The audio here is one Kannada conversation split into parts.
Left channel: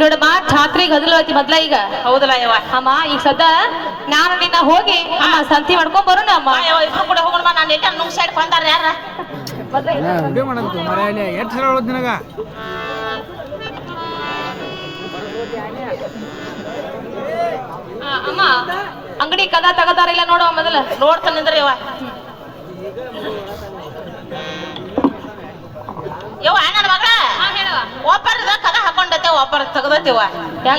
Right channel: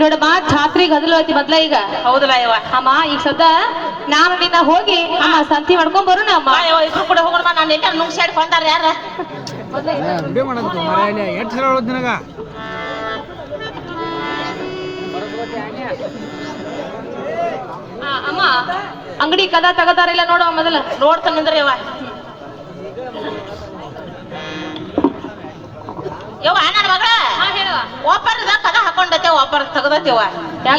ನೋಡಮ್ಮ ಜಾತ್ರೆಗೆ ಗದಲು ಐತಿ ಮೊದ್ಲ ಈಗ. ಹೌದಲ್ಲ ಇವ ಅಮ್ಮ ಈಗ ಸದ್ದ ನಾನು ನಿನ್ನ ಹೋಗಿ ಅಮ್ಮ ಸಂತಿ ಮಾಡ್ಕೊಂಡ್ ಬರೋಣ ಅಮ್ಮ. ಇಬ್ರು ಕೂಡ ಹೋಗೋಣ. ನಾನು ಎಲ್ಲಿ ನುಂಗ್ ಸೈಡ್ ಬಂದಾರ ಯಾರ ವಿಡಿಯೋ ಮಾಡಂತು ಮರೆಯಲ್ಲಿ ಎಷ್ಟು ಸಲ ಹೇಳೋದು ನಿನಗ. ಅಮ್ಮ ಅಂಗಡಿ ಕದ ತಗದಾರಿಲ್ಲ ನೋಡು ಮೊದಲ. ನೋಡ್ತಾನಂದ್ರೆ ಯವ್ವ ಯವ್ವ ನನ್ನ ಮಗಳ ಒಬ್ಬರದ ಕದ ಹಾಕೊಂಡತೆ ಒಬ್ಬರ ತಗದತಿವ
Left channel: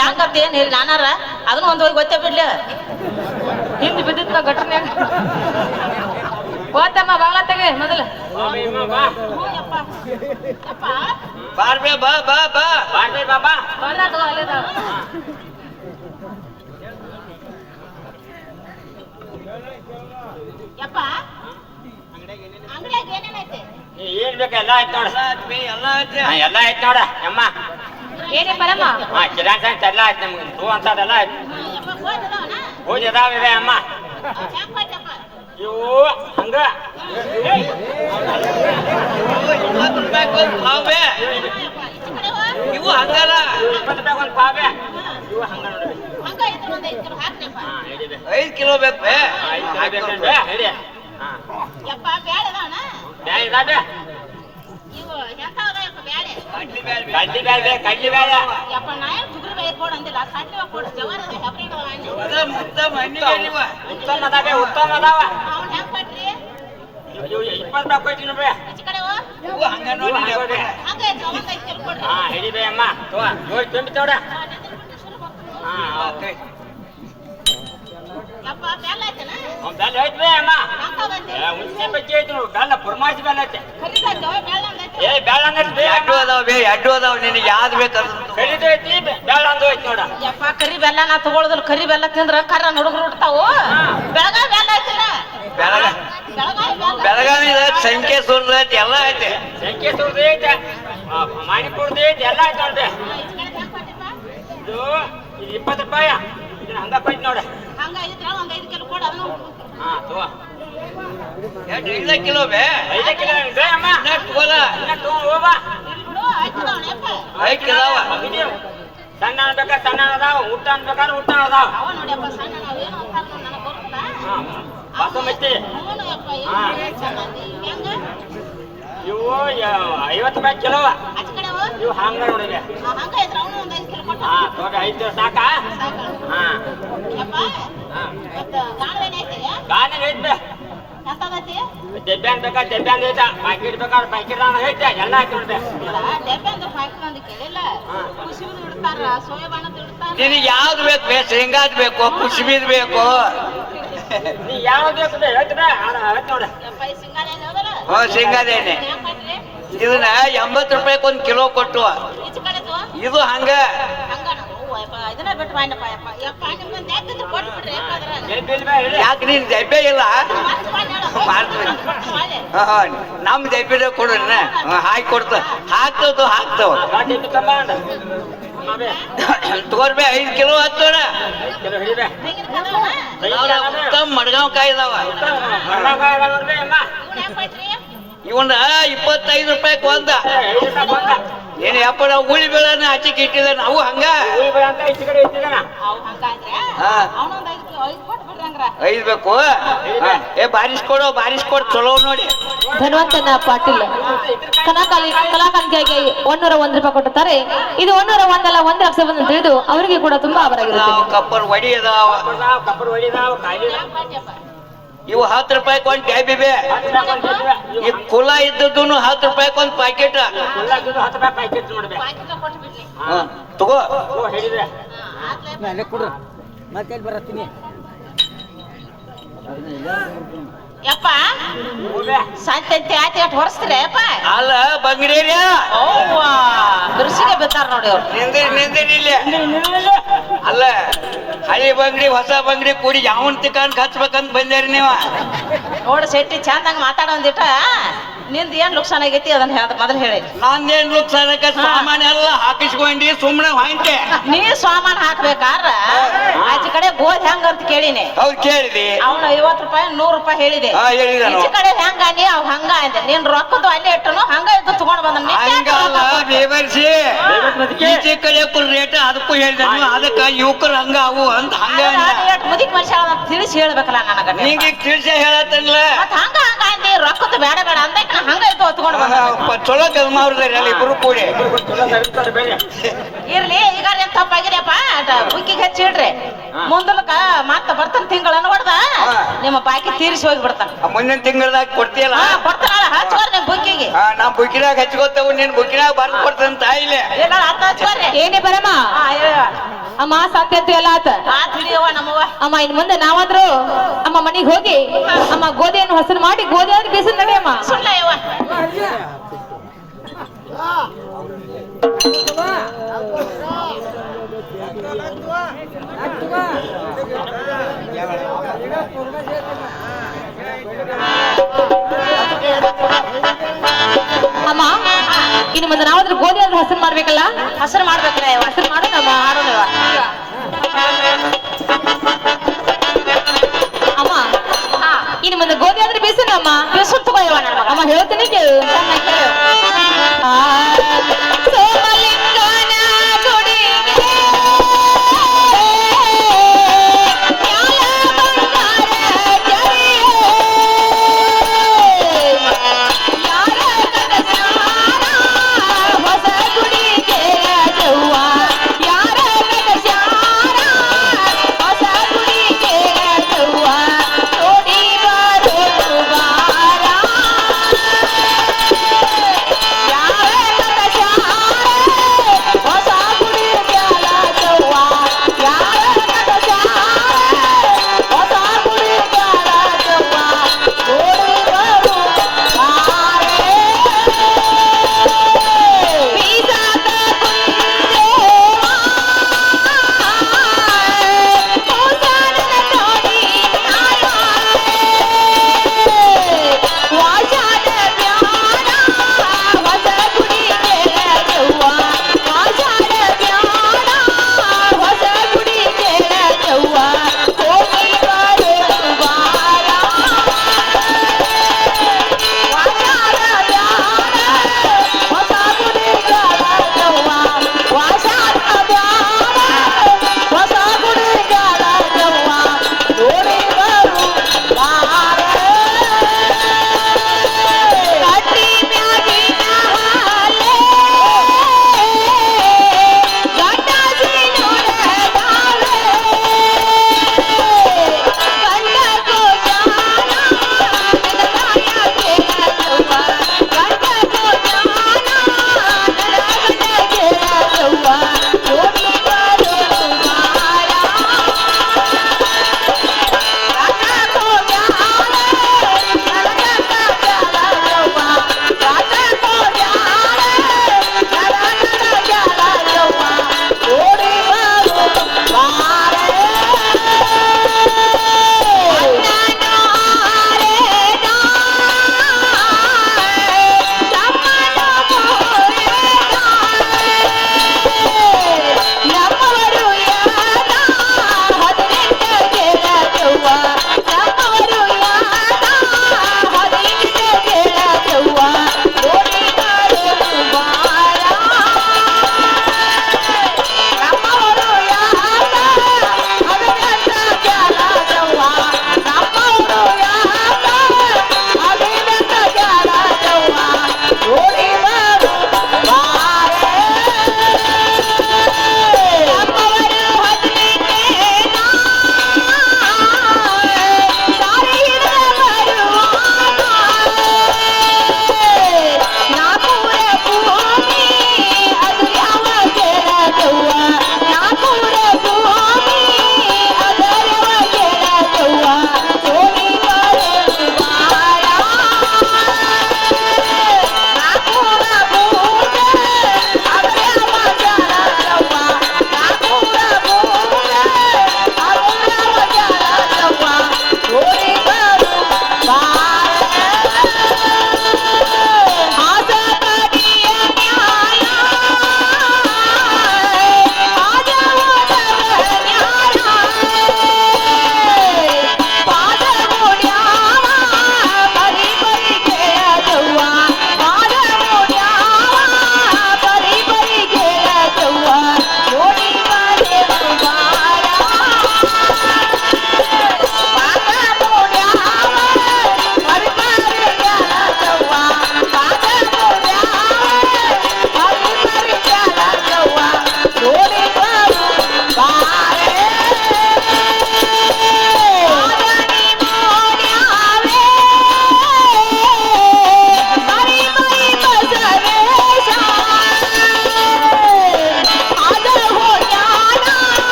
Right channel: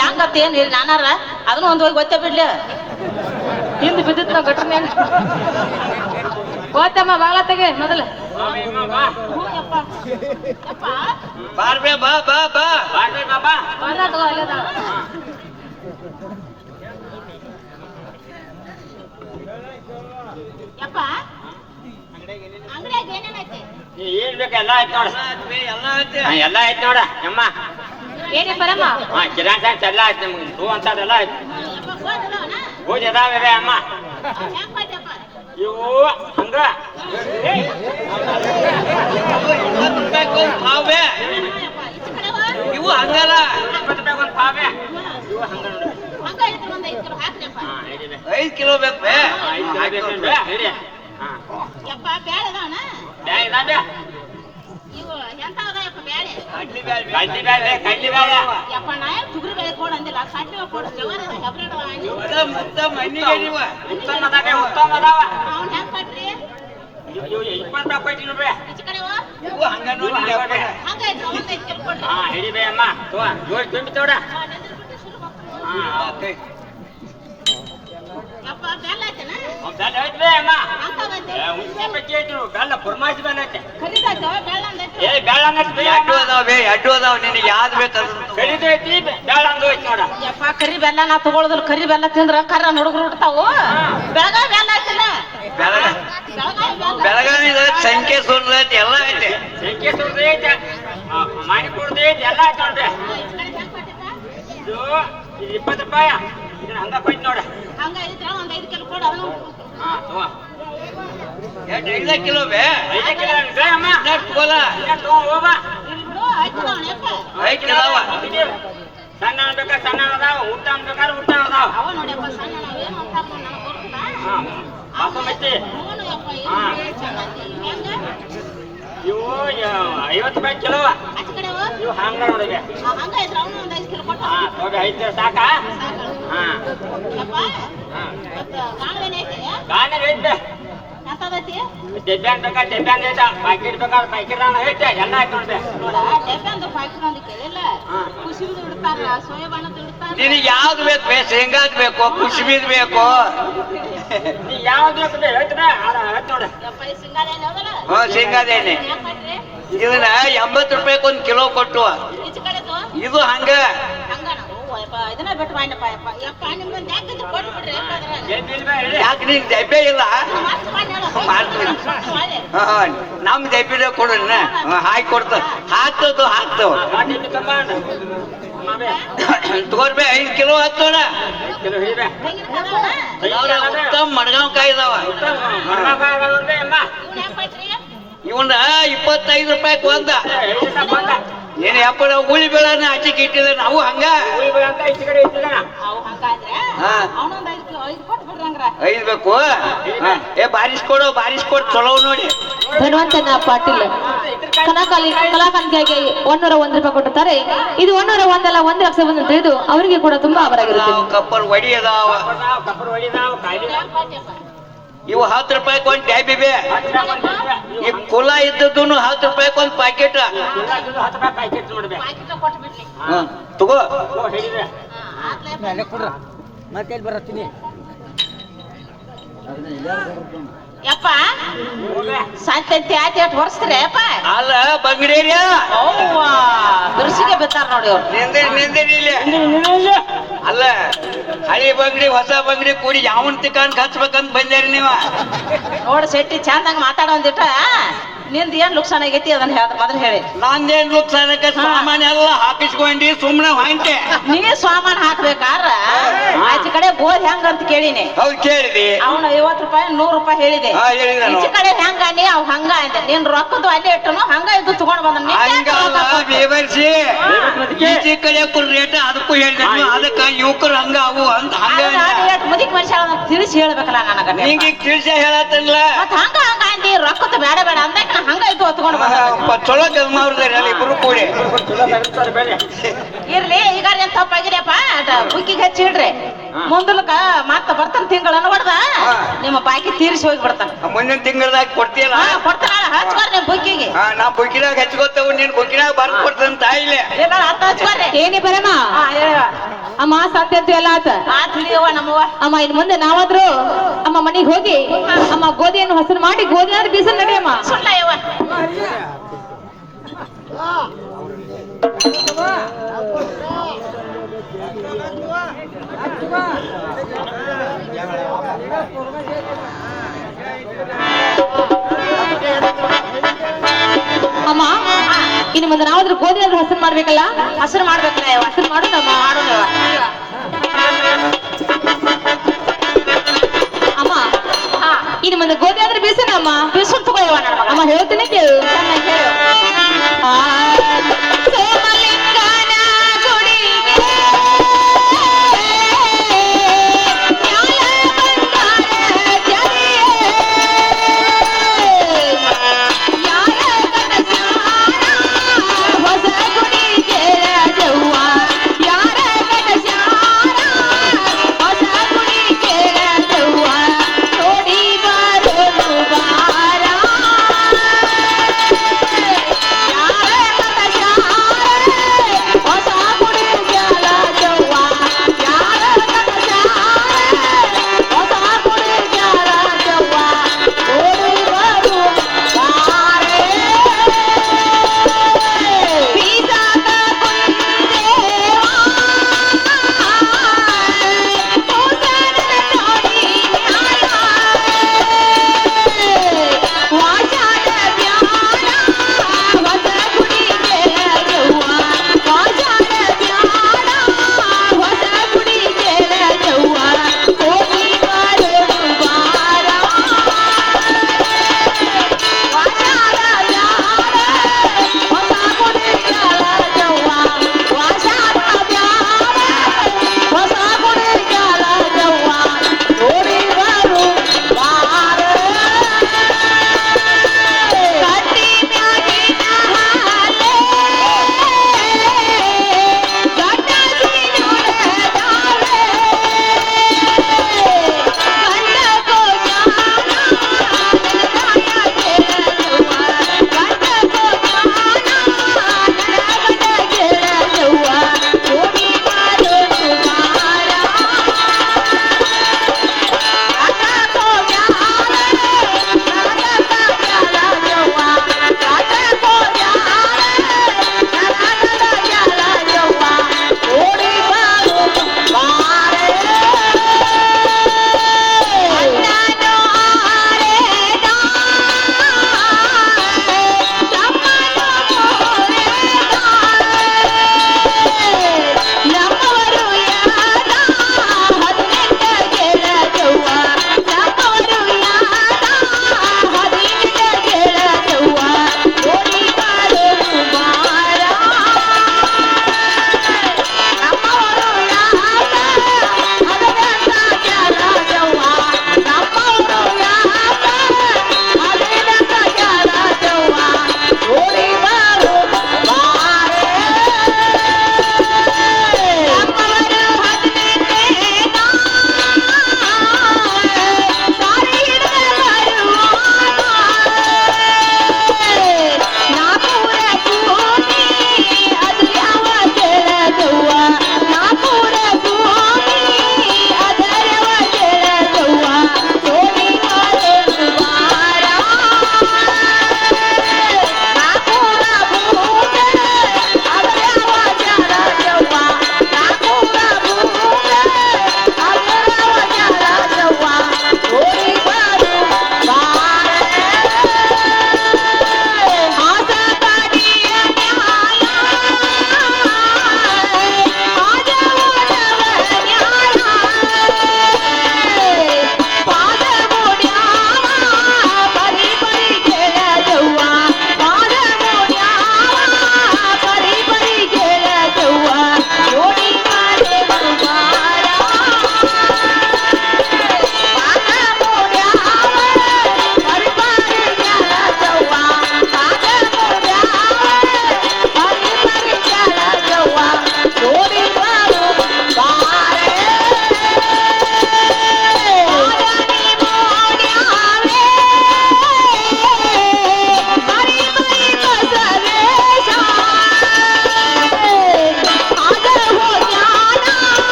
ಯಾಕಂತ ಏನ್ ಹೇಳಿ ನಾನಾರ ಅದನ್ನ ಒಂದ್ ಹೋಗಿ ಗೊತ್ತೇ ಬಿಡ್ಲಿ. ಹಿಂದ್ ಬಿದ್ದಿತ್ ನಾವು ಘಟನೆ ಗೊತ್ತಮ್ಮ ಬಾಳ ತೆಗೆ ಮೊದಲ. ಬಾರ್ಬೇ ಬಾ ಬಾ ಬಾ ಬಾರ್ಬೇ ಬಾಬಾ ಬರೋದು ಅಲ್ಲದ ಯಪ್ಪ ಅಂಗಡಿಯಾಗ ಏನೇನೈತೆ? ಏನ್ ಬೇಕು ಎಲ್ಲ ಆಯ್ತು ನೋಡ. ಎಲ್ಲ ಆಯ್ತು ನೋಡ ಅಮ್ಮ. ಏನೇ ಬರಮ್ಮ ಕಿರಾಣಿ ಸಾಂಗ್ಸ್ ಎಲ್ಲ ಆಯ್ತು ನಮ್ಗೆ. ಹೂ ಅಂತದೆಲ್ಲ ಆಯ್ತು. ಪೂಜೆ ಅದಾವೆ ಅಮ್ಮ. ಇವು ಹಂಗ ಪಾವೇ ಇವು ಹಂಗಲ್ಲ. 20 ರೂಪಾಯಿ ಒಂದು ಪಾವೇ. ಇವು ಹಂಗ ನೋಡಿ. 5 ಕಿಲೋ ಬೇಕು. 5 ಕಿಲೋ ಬೇಕು ಹೇಳಿ. ಅಮ್ಮ ತುಂಬಿತೋಡ. ಬೆಲ್ಲ ಐತ್ರಿ ಅಮ್ಮ. ಹುಣ್ಸೆ ಬಗ್ಗೆ ಐತಿ ಬೆಲ್ಲ ಪುರ್ಮಾಯಿಸಿ ಬೆಲ್ಲ ಐತೆ. ಏ ಬೆಲ್ಲ ಅಡ್ಡು ಅದಾವ ನಿನಗೆ ಯಾವ್ದು ಬೇಕಲ್ಲ. ಕರಿದು ಐತಿ ಬೆಲ್ಲ ಅಂದು ಐತಿ ನೋಡ. ಯಪ್ಪ ಕರಿ ಬೆಲ್ಲ ನಾ ತಗೊಳೋದಿಲ್ಲ. ಕರಿ ಬೆಲ್ಲ ತಿಂದ್ರ ಕರ್ರ ಹುಡುಗರು ಹುಡ್ತಾವು. ಬೆಳಗಾವಿ ಬೆಲ್ಲ ಐತಿಲ್ಲ. ಬೆಳಗಾವಿ ಸಂಖ್ಯೆ ಸುರ್ದ ಐತಿ ಎಲ್ಲ ಐತೆ. ಸಂಖ್ಯೆ ಸುರ್ದ ಐತೆ ಮಾಣಿಪುರದ ಐತಿ ಎಲ್ಲ ಐತೆ ನೋಡ್ರಿ. ಇದು 20 ರೂಪಾಯಿ. ಇದನ್ನ ಹಂಗ ಕೊಯ್ತು ನೋಡ. ಹಂಗಾಗಿದ್ರ ಒಂದ್ 5 ಕಿಲೋ ಕೊಡ. ಎಷ್ಟು 5 ಕಿಲೋ ಬೇ? 5 ಕಿಲೋ ಅಮ್ಮ. ತಗೋಲ್ಲ ಹೋಗ. 5 ಕಿಲೋ ಸಣ್ಣ ಬೇಕಾ ಸಣ್ಣ ಅದಾವ. ಊಟ ಬೇಕಾದ್ರೆ ಊಟ ಅದಾವ. ಅವ ನೋಡ್ಯಪ್ಪ ಸಣ್ಣ ಏನು ಅಂತ ನನಗೆ ಗೊತ್ತಿಲ್ಲ. ಬಾಸುಮತಿ ಇವು 50 ರೂಪಾಯಿ ಕಿಲೋ. ಇವು ಹಂಗ ನೋಡಿದೆ. ಹಂಗಾಯ್ತು ಅವನು ಒಂದ್ 5 ಕಿಲೋ ಕೊಟ್ಟ. 5 ಸಾಕಾ? ಗಾಣೆ ಐತೆ. ಡೆಬ್ಬ್ಯಾನ್ ಬೇಕಾ ಡೆಬ್ಬ್ಯಾನ್ ಐತೆ. ಪ್ಯಾಕೆಟ್ ಬೇಕಾದ್ರೆ ಪ್ಯಾಕೆಟ್ ಐತೆ ಎಲ್ಲ ಹಾಕಿ ನೋಡಿದೆ. ನಿನಗೆ ಯಾವ್ದು ಬೇಕು ಬೇ? ಶೇಂಗಾದ್ ಬೇಕು, ಕುಸುಬಿದ್ ಬೇಕು? ನೀ ಯಾವ್ದು ಬೇಕು ನೋಡಿ. ಶೇಂಗಾದ ಎಣ್ಣೆ ಇದನ್ನ 80 ರೂಪಾಯಿಗೆ 1 ಕಿಲೋ ಕೊಟ್ಟು. ಇದು ಹಂಗ ಯಾಕೆ ನೀನ್ ದಬ್ಬೆ ಇಲ್ಲ? ನಮ್ ದಬ್ಬೆ ಕೊಡೋಣ. ಹಾಕಿ ಕೊಡ್ತ ಹಾಕ್ತದ ಹಾಕ್ತವ ತಗೋರ್ಬೇ. 5 ಕಿಲೋ ಹತ್ತೋಣ. ಮಡ್ಗಾವ್ ಕಾಯಿ ಇದಾವ. ಇವನ್ನ 25 ರೂಪಾಯಿಗೆ ಒಂದ. ಏನ್ ಯಪ್ಪ ನಾವು ಉಳಿ ಬೇಳನ ಹಚ್ಚಿಕ್ ಇಟ್ಟಿದ ನಾವು ಹಂಗ. 5 ಬೇಕು. ಏ ಬಾರಿಸ್ಕೊಡು ಬಾರಿಸ್ಕೊಡು ಚಲೋ ನೋಡಿ. ಧನ್ವಂತನ ಪಾಟೀಲ್ ಕಲಾಕಾಂತಿಯಾಗಿ 101 ರೂಪಾಯಿ ಕೊಟ್ಟಿರ್ತಾರೆ. ಇದು 101 ಅಲ್ಲ 1 ಲಕ್ಷ ಬಂದು ತಿಳಿದು ಅವರಿಗೆ ಕೂಡ ತುಂಬಾ ಅವರಾಗಿರುತ್ತೆ. ಕಪ್ಪರ್ ವಡಿ ಅದಾವ. ಇವು 10 ರೂಪಾಯಿಗೆ 1 ಟ್ಯಾಬಿ ಬೇ. ಈ ಕುಲ ಇದ್ದದ್ದು 10 ರೂಪಾಯಿಗೆ 1 ಪ್ಯಾಕೆಟ್. ತಗೋ ಕೊಡ್ರ ಮತ್ತೆ ಬರತ್ತೀನಿ. ಯಪ್ಪ ಸಂತೆ ಆಯ್ತು ಎಷ್ಟು ಹೊರಸ್ತೀರಿ ಯಪ್ಪ? ಅಲ್ಲ ಬಂಗಡಿಯ ಬಿರ್ಸಿಗೆ ಬಿತ್ತಾರ ನೋಡಿ ಅವ್ರು. ನಿಂದಿರಿ ಅಲ್ಲ ಹಳಿ ಬಂಗಡಿ ಹೊಸ ಬಂಗಡಿ ಕೂಡಿ ಯಾವನ್ ತಿಕಾನ್ ಹಚ್ಬೇಕಂತ ಬಂದೇರಿ ನೀವ. ನೋಡ ಶೆಟ್ಟಿ ಚಂದಂಗ ಮಾತಾಡೋ ಒಂದಿಟ್ಟ ನಿಂದ ಏನ್ ಲುಕ್ಸಾನ್ ಆಗೈತಿ ಅದನ್ನ ಹೇಳ್ದ ಮೊದಲು ಹೇಳಿ. ನಂದೇನ್ ನುಕ್ಸಾನಕ್ಕ ಸಾಮಾನ್ಯ ಎಲ್ಲ ಹಾಕಿಸ್ಕೊಂಡಿ ಸುಮ್ಮನೆ ಹೊಂಟೆ. ನೀ ಸಾಮಾನ್ ಹಾಕ್ಬೇಕಾರ ಆಚೆ ಕಡೆ ಗೋಧಿ ಹೆಂಗ ಅಂತ ಕೇಳಿನಿ. ಹೌದು ಕೇಳಿದಿ. ಅವನು 50 ರೂಪಾಯಿ 100 ರೂಪಾಯಿ ಹೇಳಿದೆ. ಹೇಳಿದನು. ಈಚೆ ಕಡೆ ಹೆಂಗ ನೀ ಅವ್ ಹಂಗ ಅಂದೆ. ನೀನ್ ರೊಕ್ಕದ್ದು ಅಲ್ಲಿ ಇಟ್ಟನು ಹಂಗ ಇದು ತಗೊಂಡ್ ಬಂದ. ಹಂಗಲ್ಲ ಬೇಬರ್ಸಿ ಈಚೆ ಕಡೆ ರೇಟ್ ಅದಕ್ಕೂ ಹೇಳಿದನು. ಅದಕ್ಕ ಯುವಕರು ಹಂಗ ಅವು ಅಂತ ಹಂಗ ಮುದಿಕ್ ಮನುಷ್ಯ ತಿಳಿಸಿ ಹೇಳ್ಬೇಕಲ್ಲ ನನಗ. ನಿಂಗೆ ತಿಳಿಸ ಹೇಳತ್ತಲ್ಲ. ಮತ್ ಹಂಗ ಹಂಗ ಅಂದಿ ರೊಕ್ಕದ್ದು ಬೇಡ ಬೇಡ ಅಂದಕ್ಕೆ ನಾ ಹಂಗ ಇದು ತಗೊಂಡ್ ಬಂದ. ಚಲೋ ಕೆಲಸ ಮಾಡಿದ್ರಿ ಇಬ್ರು ಕೂಡಿ. ಇರ್ಲಿ ಈಗ ಏನ್ ತಪ್ಪಾಗಿರಿಯಪ್ಪ ಬುಕ್ಕಿಗೆ ಹಚ್ಚಿಡ್ರಿ. ಮುಂದಲಕ ಮತ್ತ ಬರ್ತಾನ ತಿಂಗಳನ್ನ ಹೊಡೆದ ನಿಮ್ಮ ಬಾಕಿ ತೀರಿಸಿ ಹೋಗ್ಬಿಡ್ತಾನ. ಮುಂದಿನ ತಿಂಗಳದಾಗ ಕೊಡ್ತೀಯಲ್ಲ. ಕೊಡ್ತಾನ ಹಚ್ಕೋರಿ ನಿಮ್ ಬುಕ್ಕಿಗೆ. ನಾ ಬುಕ್ಕಿನಾಗ ಹಚ್ಕೋತೇವು. ನಿನ್ ಬುಕ್ಕಿನಾಗ ಬರ್ದು ಕೊಡ್ತಾನ ತಾಯಿಲೆ. ಹಚ್ಕೋರಿ. ಏನೇ ಬರಮ್ಮ ಹೇಳವ ಅಮ್ಮ ಸಾಧ್ಯ ಅಂತ ಎಲ್ಲ ಆತ ತಿಳಿಯವ ನಮ್ಮವ್ವ. ಅಮ್ಮ ಇನ್ ಮುಂದೆ ನಾವಾದ್ರೂ ಅಮ್ಮ ಮನೆಗೆ ಹೋಗಿ ಅಮ್ಮ ಗೋಧಿಯನ್ನು ಹಸರು ಮಾಡಿ ಗೋಧಿ ಆದ್ರೆ ಬೇಸನ್ ನಡೆಯಮ್ಮ. ಸುಳ್ಳ ಯವ್ವ. ಅಮ್ಮ ಇನ್ನು ಮುಂದೆ ನಾವಾದ್ರೂ ಗೋಧಿ ಆದ್ರೆ ಹಸರು ಮಾಡ್ಬೇಕಲ್ಲ. ಹಸರು ಮಾಡ್ಬೇಕಲ್ಲ ಯವ್ವ. ಹಸರು ಮಾಡೋಣಮ್ಮ ಮಾಡೋಣ ಅಮ್ಮ ಇನ್ನು ಮುಂದೆ ಗೋಧಿ ಆದ್ರೆ ಬೇಸನ ಅಮ್ಮ. ಬಿಸ್ಕುಟ್ ತಗೋ ಯವ್ವ ನನ್ನ ಮಗ. ಅಮ್ಮ ಹೇಳ್ತೀನಿ ಕೇಳು. ಸೋಮಲಿಂಗನ ಗುಡಿಗೆ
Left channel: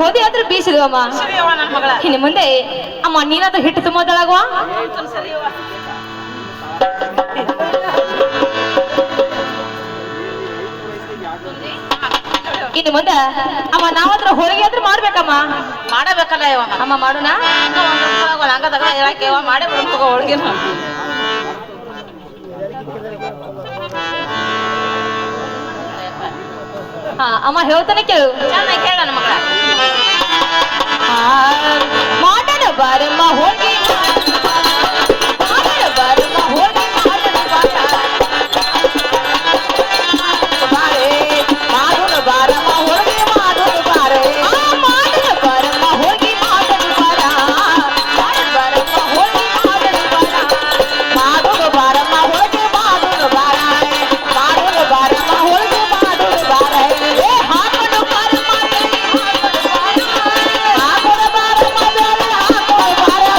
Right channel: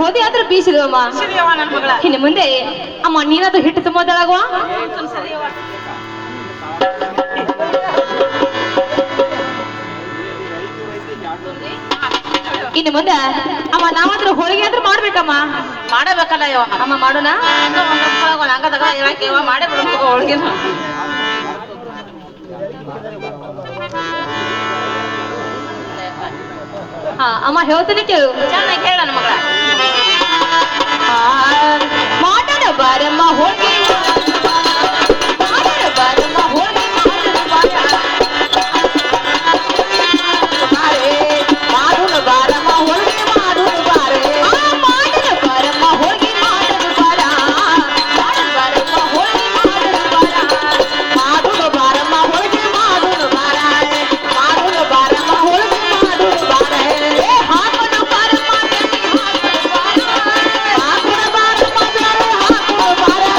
ಗೋಧಿ ಆದ್ರೂ ಬೀಸಿದವಮ್ಮ. ಸರಿಯವ್ವ ನನ್ನ ಮಗಳ. ಇನ್ನು ಮುಂದೆ ಅಮ್ಮ ನೀನಾದ್ರೂ ಹಿಟ್ಟು ತುಂಬೋದಳಗುವ. ಸರಿಯವ್ವ. ಇನ್ನು ಮುಂದೆ ಅಮ್ಮ ನಾವಾದ್ರೂ ಹೋಳಿಗೆ ಆದ್ರೂ ಮಾಡ್ಬೇಕಮ್ಮ. ಮಾಡಬೇಕಲ್ಲ ಯವ್ವ. ಅಮ್ಮ ಮಾಡೋಣ. ಹಂಗದಾಗ ಇರಕ್ಕೆ ಯವ್ವ ಮಾಡೇ ಬಿಡು ಹೋಳ್ಗಿನ. ಹಾ ಅಮ್ಮ ಹೇಳ್ತಾನೆ ಕೇಳು. ಚೆನ್ನಾಗಿ ಹೇಳ ನನ್ನ ಮಗಳ. ಮಾಡೋಣ ಬಾರಮ್ಮ ಹೋಳಿಗೆ ಮಾಡೋಣ ಬಾರಮ್ಮ ಹೋಳಿಗೆ ಮಾಡೋಣ ಬಾರೆ ಮಾಡೋಣ ಬಾರಮ್ಮ ಹೋಳಿಗೆ ಮಾಡೋಣ ಬಾರೆ ಮಾಡೋಣ ಬಾರಮ್ಮ ಹೋಳಿಗೆ ಮಾಡೋಣ ಬಾರ ಮಾಡೋಣ ಬಾರಮ್ಮ ಹೋಳಿಗೆ ಮಾಡೋಣ ಬಾರ ಮಾಡೋಣ ಬಾರಮ್ಮ ಹೋಳಿಗೆ ಮಾಡೋಣ ಬಾರ ಮಾಡೋಣ ಬಾರಮ್ಮ ಹೋಳಿಗೆ ಮಾಡೋಣ ಬಾರ ಹಾಕೋಣ ಬಾರಮ್ಮ ಹಾಕೋಣ ಬಾರಮ್ಮ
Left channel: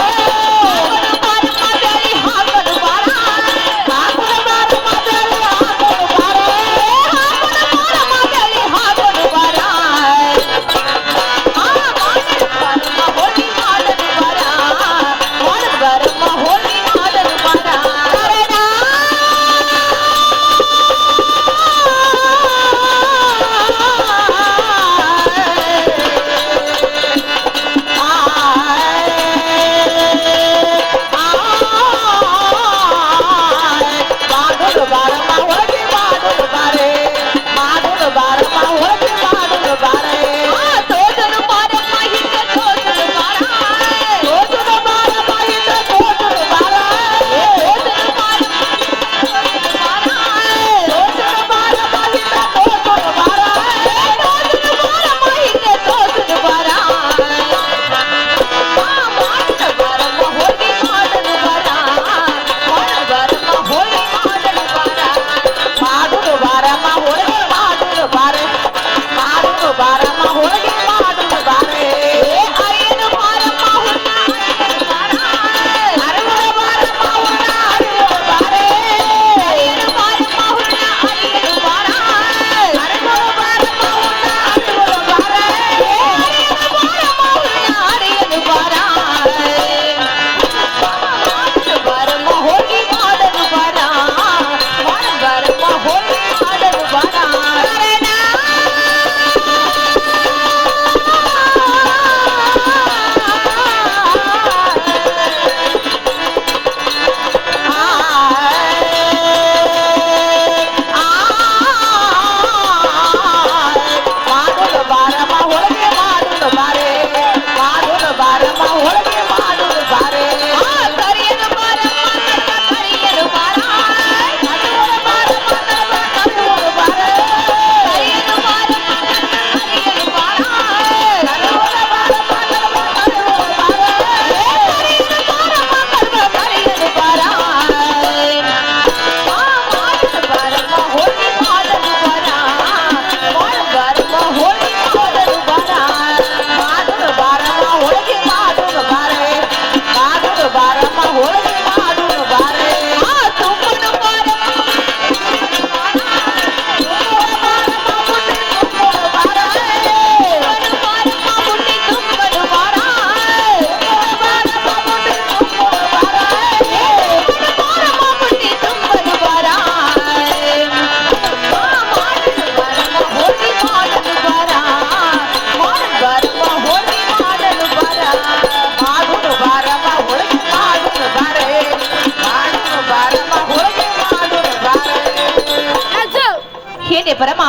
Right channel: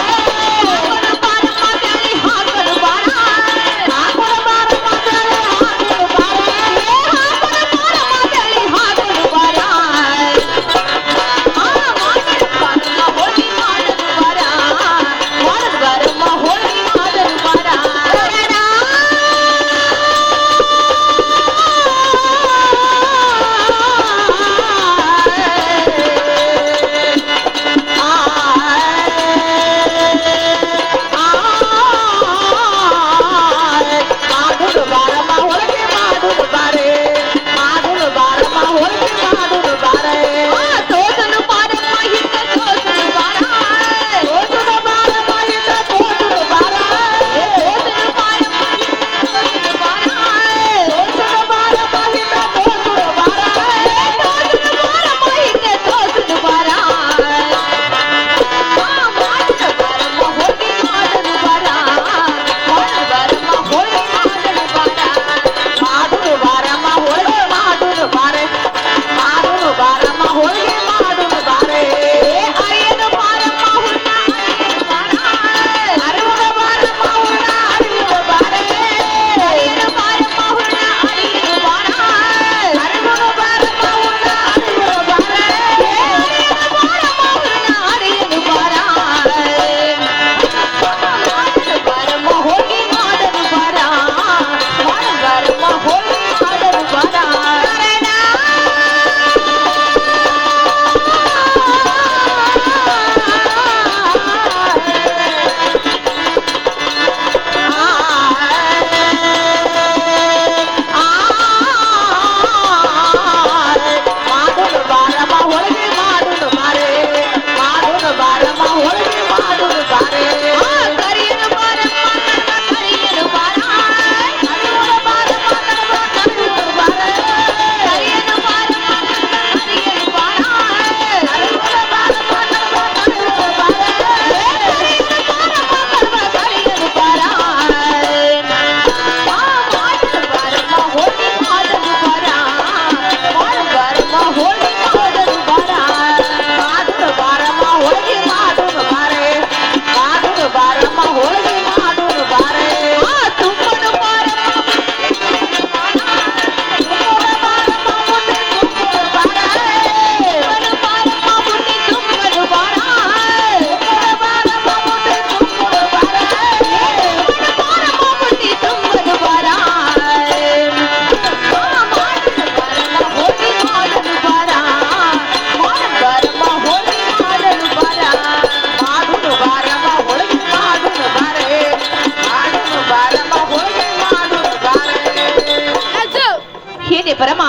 ಏನೇ ಪರಮ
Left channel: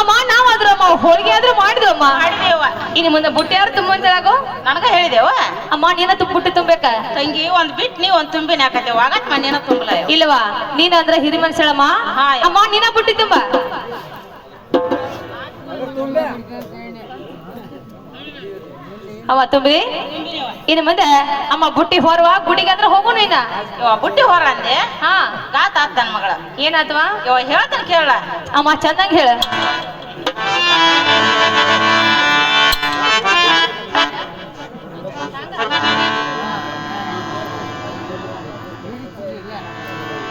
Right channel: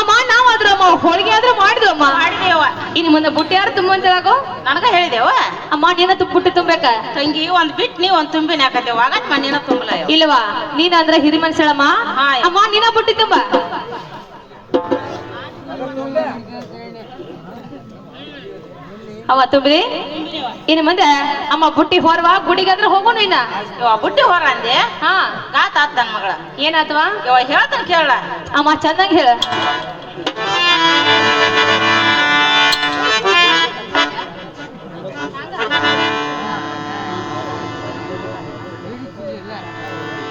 ಅಮ್ಮ ನಾವಾದ್ರೂ ಅಮ್ಮ ಹೋಳಿಗೆ ಆದ್ರೂ ಮಾಡಿದ್ವು ಅಮ್ಮ. ಮಾಡಿದೇವ. ಇನ್ನು ಮುಂದೆ ಬುಟ್ಟಿ ಯಾರು ತುಂಬ ಅಂತೇಳಾಗೋ ನನಗ ಹೇಳಿದೇವ. ಅಮ್ಮ ನೀನ ಬುಟ್ಟಿ ತುಂಬಬೇಕ ತಂಗಿ ಒಂದ್ ಬಿಟ್ ನೀ ಒಂದ್ ತುಂಬಿನ ಹಾಕತ್ತೇವ ಆಗತ್ ಮನೇನ ತುಂಬಲ ಇಲ್ವಾ ನೀನ ಅಂದ್ರ ಹಿರಿ ಮನುಷ್ಯಳಮ್ಮ. ಹಾ. ಅಮ್ಮ ನೀನ ಬುಟ್ಟಿ ತುಂಬ ಅವ ತುಂಬಿ ಇನ್ನು ಮುಂದೆ ಅಮ್ಮ ಬುಟ್ಟಿ ಹೊರವ ಗುಡಿಗೆ ಅಂದ್ರೆ ಹೋಗೋಣ ಇನ್ನ. ಇವ ಬುಟ್ಟಿ ಹೊರ ಅಂದೆ. ಹಾ ಗಾತ ಆತ್ ನನ್ ಮಗಳ. ಏನಾತ್ವಾ ಇವ ಹೇಳ್ತಾನ ಕೇಳ. ಅಮ್ಮ ಚೆನ್ನಾಗಿ ಹೇಳ.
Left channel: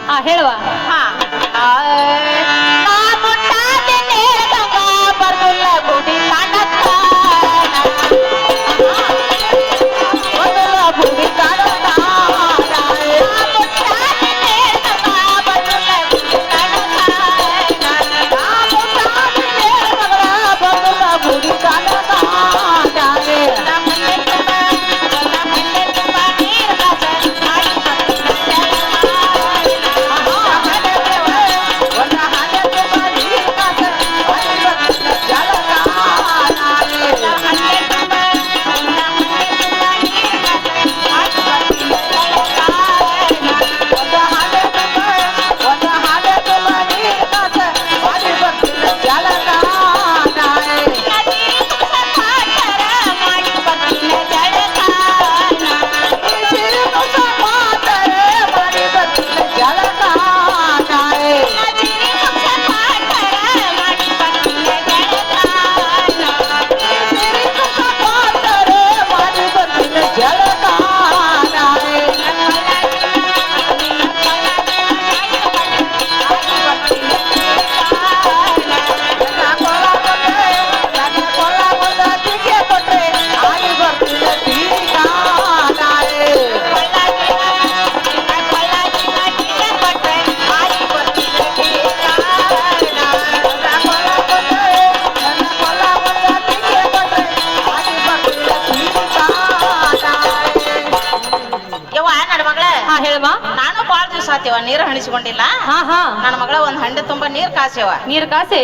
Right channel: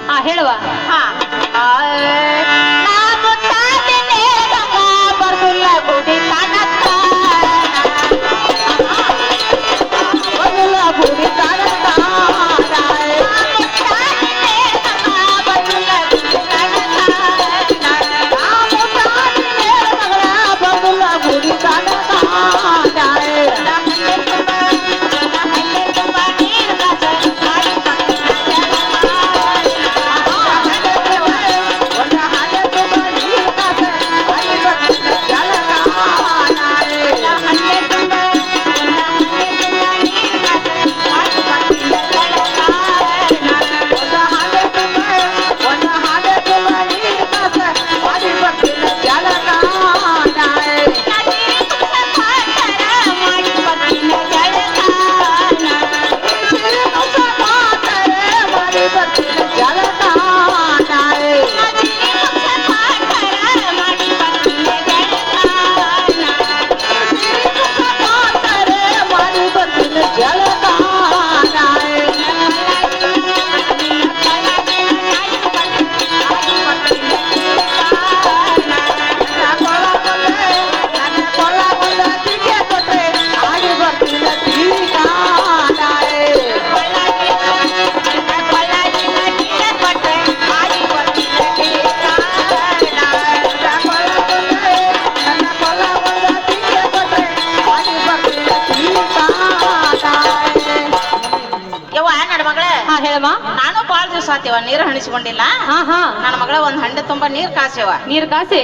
ಹಾ ಹೇಳುವ. ಹಾ ನಾ ಮುಟ್ಟಾದೆ ನಮ್ಮ ಬರ್ದುಲ್ಲ ಗುಡಿ ಕಾಣಕ್ಕ ನೀರು ಹಣಿಸ್ಕೊಂಡಿಲ್ಲ ಹಾ ಹಾ ನನ್ನ ಮಗಳ ಒಂದ್ ಹಂಡೆ ತುಂಬಾ ನೀರ್ ಕಾಸ್ಯವ ನೀರ್ ಕಾಸಿ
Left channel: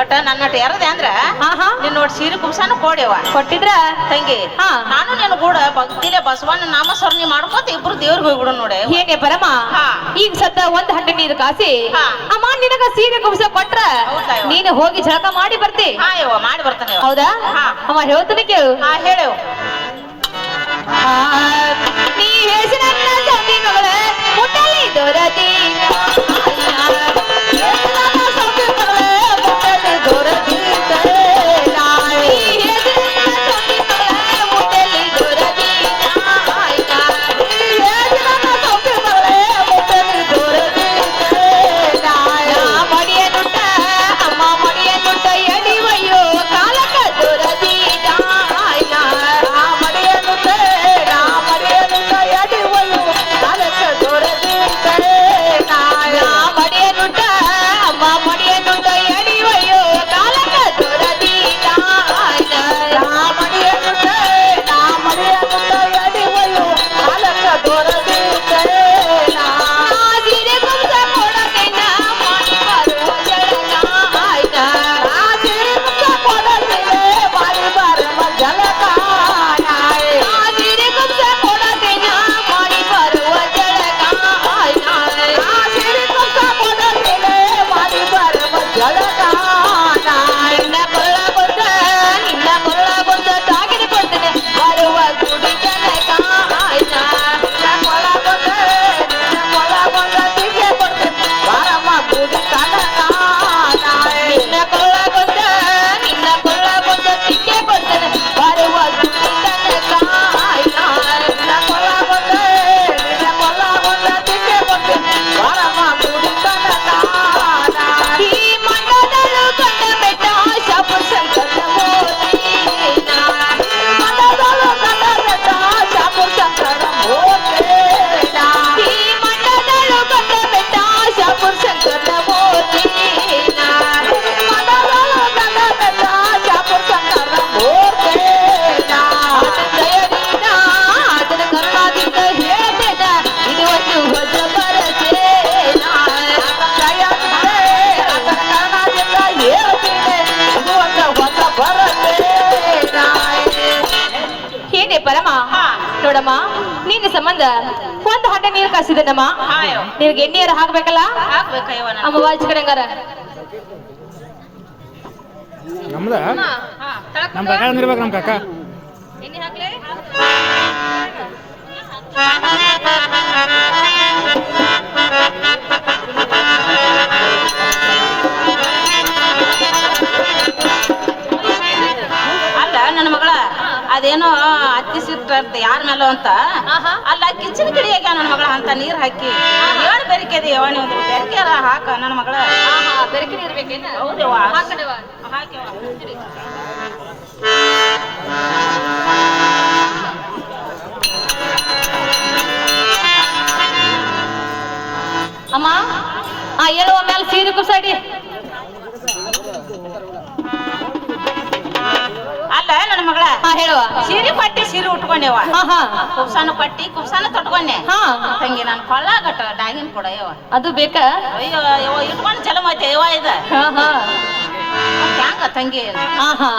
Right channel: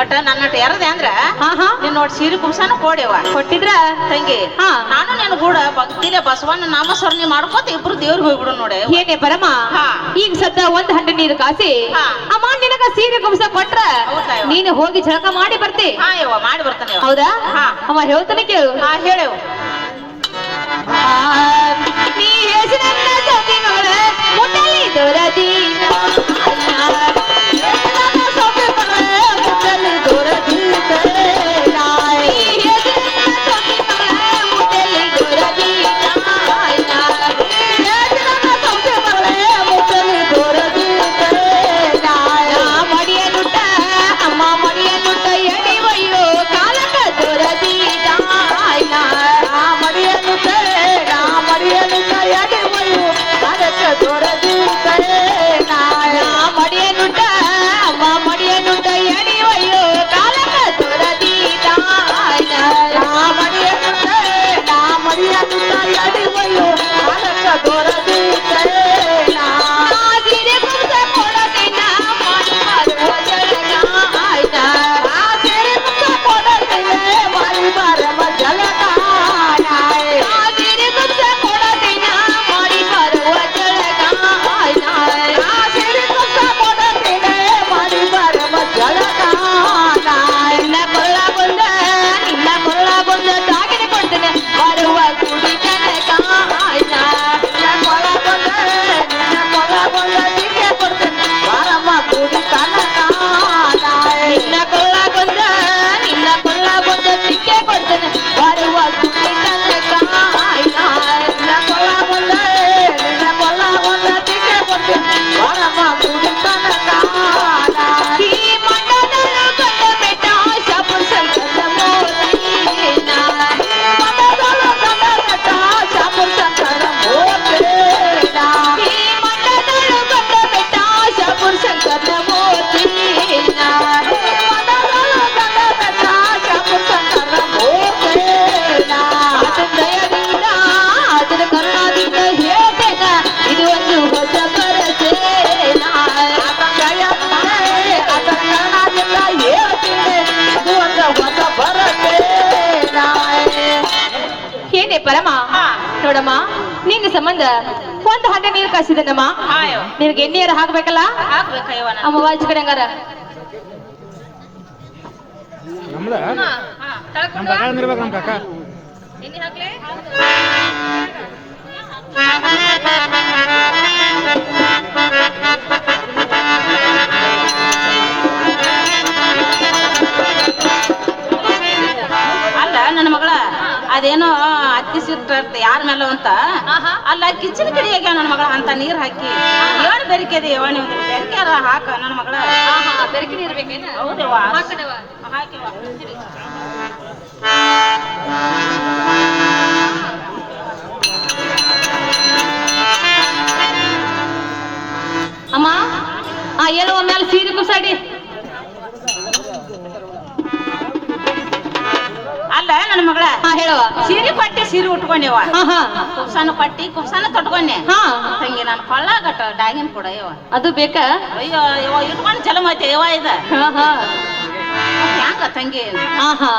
ಒಟ್ಟ ನನ್ನಟ ಎರದೆ ಅಂದ್ರ ಹಾ ಹಾ ನೀನ್ ನೋಡಿ ಸೀರೆ ಕುಂಸಾನು ಕೊಡ್ಯವ ಕೊಟ್ಟಿದ್ರ ತಂಗಿ ಹಾ. ನಾನು ನಿನ್ ಕೂಡ ಭಕ್ತಿಲೆ ಬಸವಣ್ಣ ನಾಮಸ್ಮರಣೆ ಮಾಡ್ಕೋತ ಇಬ್ರು ದೇವ್ರಿಗೆ ಹೋಗ್ಬಿಡು ನೋಡಿ ಏನೇ ಪರಮ ಹಾ. ಈಗ ಸದ್ದ ಒಂದ್ ಹಂಡೆ ನೀರು ಕಾಸಿ ಹಾ. ಅಮ್ಮ ನಿನಗ ಸೀರೆ ಕುಂಸ ಕೊಟ್ರ ಹೌದಾ ಯವ್ವ? ನೀನು ಹೋಗಿ ಜಳಕ ಮಾಡಿ ಬರ್ತಿ ಹಾ ಯವ್ವ ಮಾಡಿ ಬರ್ತಾನೆ ಯವ್ವ. ಹೌದಾ ಹಾ. ಅಮ್ಮ ಹೇಳ್ತಾನೆ ಕೇಳು ಹಾ ಹೇಳು ನೀ ಹೆಸರನ್ನ ಸತಿ ಮಗಳ ಮುಟ್ಟಲಿ ದೊರದಿ ಏನೇ ಪರಮ ನೋಡಮ್ಮ ನಿನ್ನ ಸಂಬಂಧ ಒಂದ್ ಹಂಡೆ ನೀರು ಕಾಸಿದನಮ್ಮ ಹಾ ಯವ್ವ. ನಿನಗೆ ಎಣ್ಣೀರು ಹಾಕ್ಬೇಕಲ್ಲ ಹಾಕ್ಬೇಕ ಯವ್ವ ನಾನು. ಅಮ್ಮ ವಾಚ್ ಕಡೆ ಹಂಗಾರ ನಮ್ದ ಹಾ, ತಳಕ್ ನಮ್ ಕಾಕ ಅಂದಿರ್ಬೇಕು ನಮ್ ಕಾಕ ಎಣ್ಣೆ ಹಾಕ್ಲೆ ಅಲ್ಲ ನನ್ನ ಮಗಳ ಅದೇನೋ ಅತ್ತಿ ಸಿಟ್ಟ ಯಾರ ಮೇಲೋ ಅಂತ ಅಲ್ಲ ಕಿಚನ್ ಕಡೆ ಆಗ್ಯಾವ ನನ್ನ ಮಗಳ ಅಂತ ನೀರ್ ಹಾಕಿ ಏನ್ ಬೆರಿಕೆದಿ ಯಾವ ನೀವು ಬೆರಿಕೆರ ಹಾಕ ನನ್ನ ಮಗಳ ಬೆರಕಿ ನೀರು ಬೇಕೇನ ಹೌದವ್ವ ಹಾಕನವ ಹಾಕ್ಯವ್ವ. ಅಮ್ಮ ಏನೋ ಮೇಲೆ ಸೀರೆ ಕುಸಾಡಿ ಅಲ್ಲ ನನ್ನ ಮಗಳ ಹಾ ಹೇಳುವ ಸೀರೆ ಪಟ್ಟಿ ಸೀರೆ ಉಟ್ಕೊಂಡೆವ ಹಾ ಹಾ ಕುಬ್ಸಾನು ಪಟ್ಟಿ ಕುಬ್ಸಾನು ತೊಟ್ಕೊಂಡೆ ಹಾ ತಂಗಿ ನಾನು ಪಳ್ಳಾಗಟ್ಟ ಡಾಗಿನ್ ಕೊಡ ಯವ್ವ ಅದು ಬೇಕಾ ಅಯ್ಯೋ ಯವ್ವ ಇಟ್ಕೊಂಡು ಚಲೋ ಐತೆ ಯವ್ವ ಇದ ಹಾ ಹಾ ಹ್ಯಾಂಗ ತಂಗಿ ಹಾ ಹಾ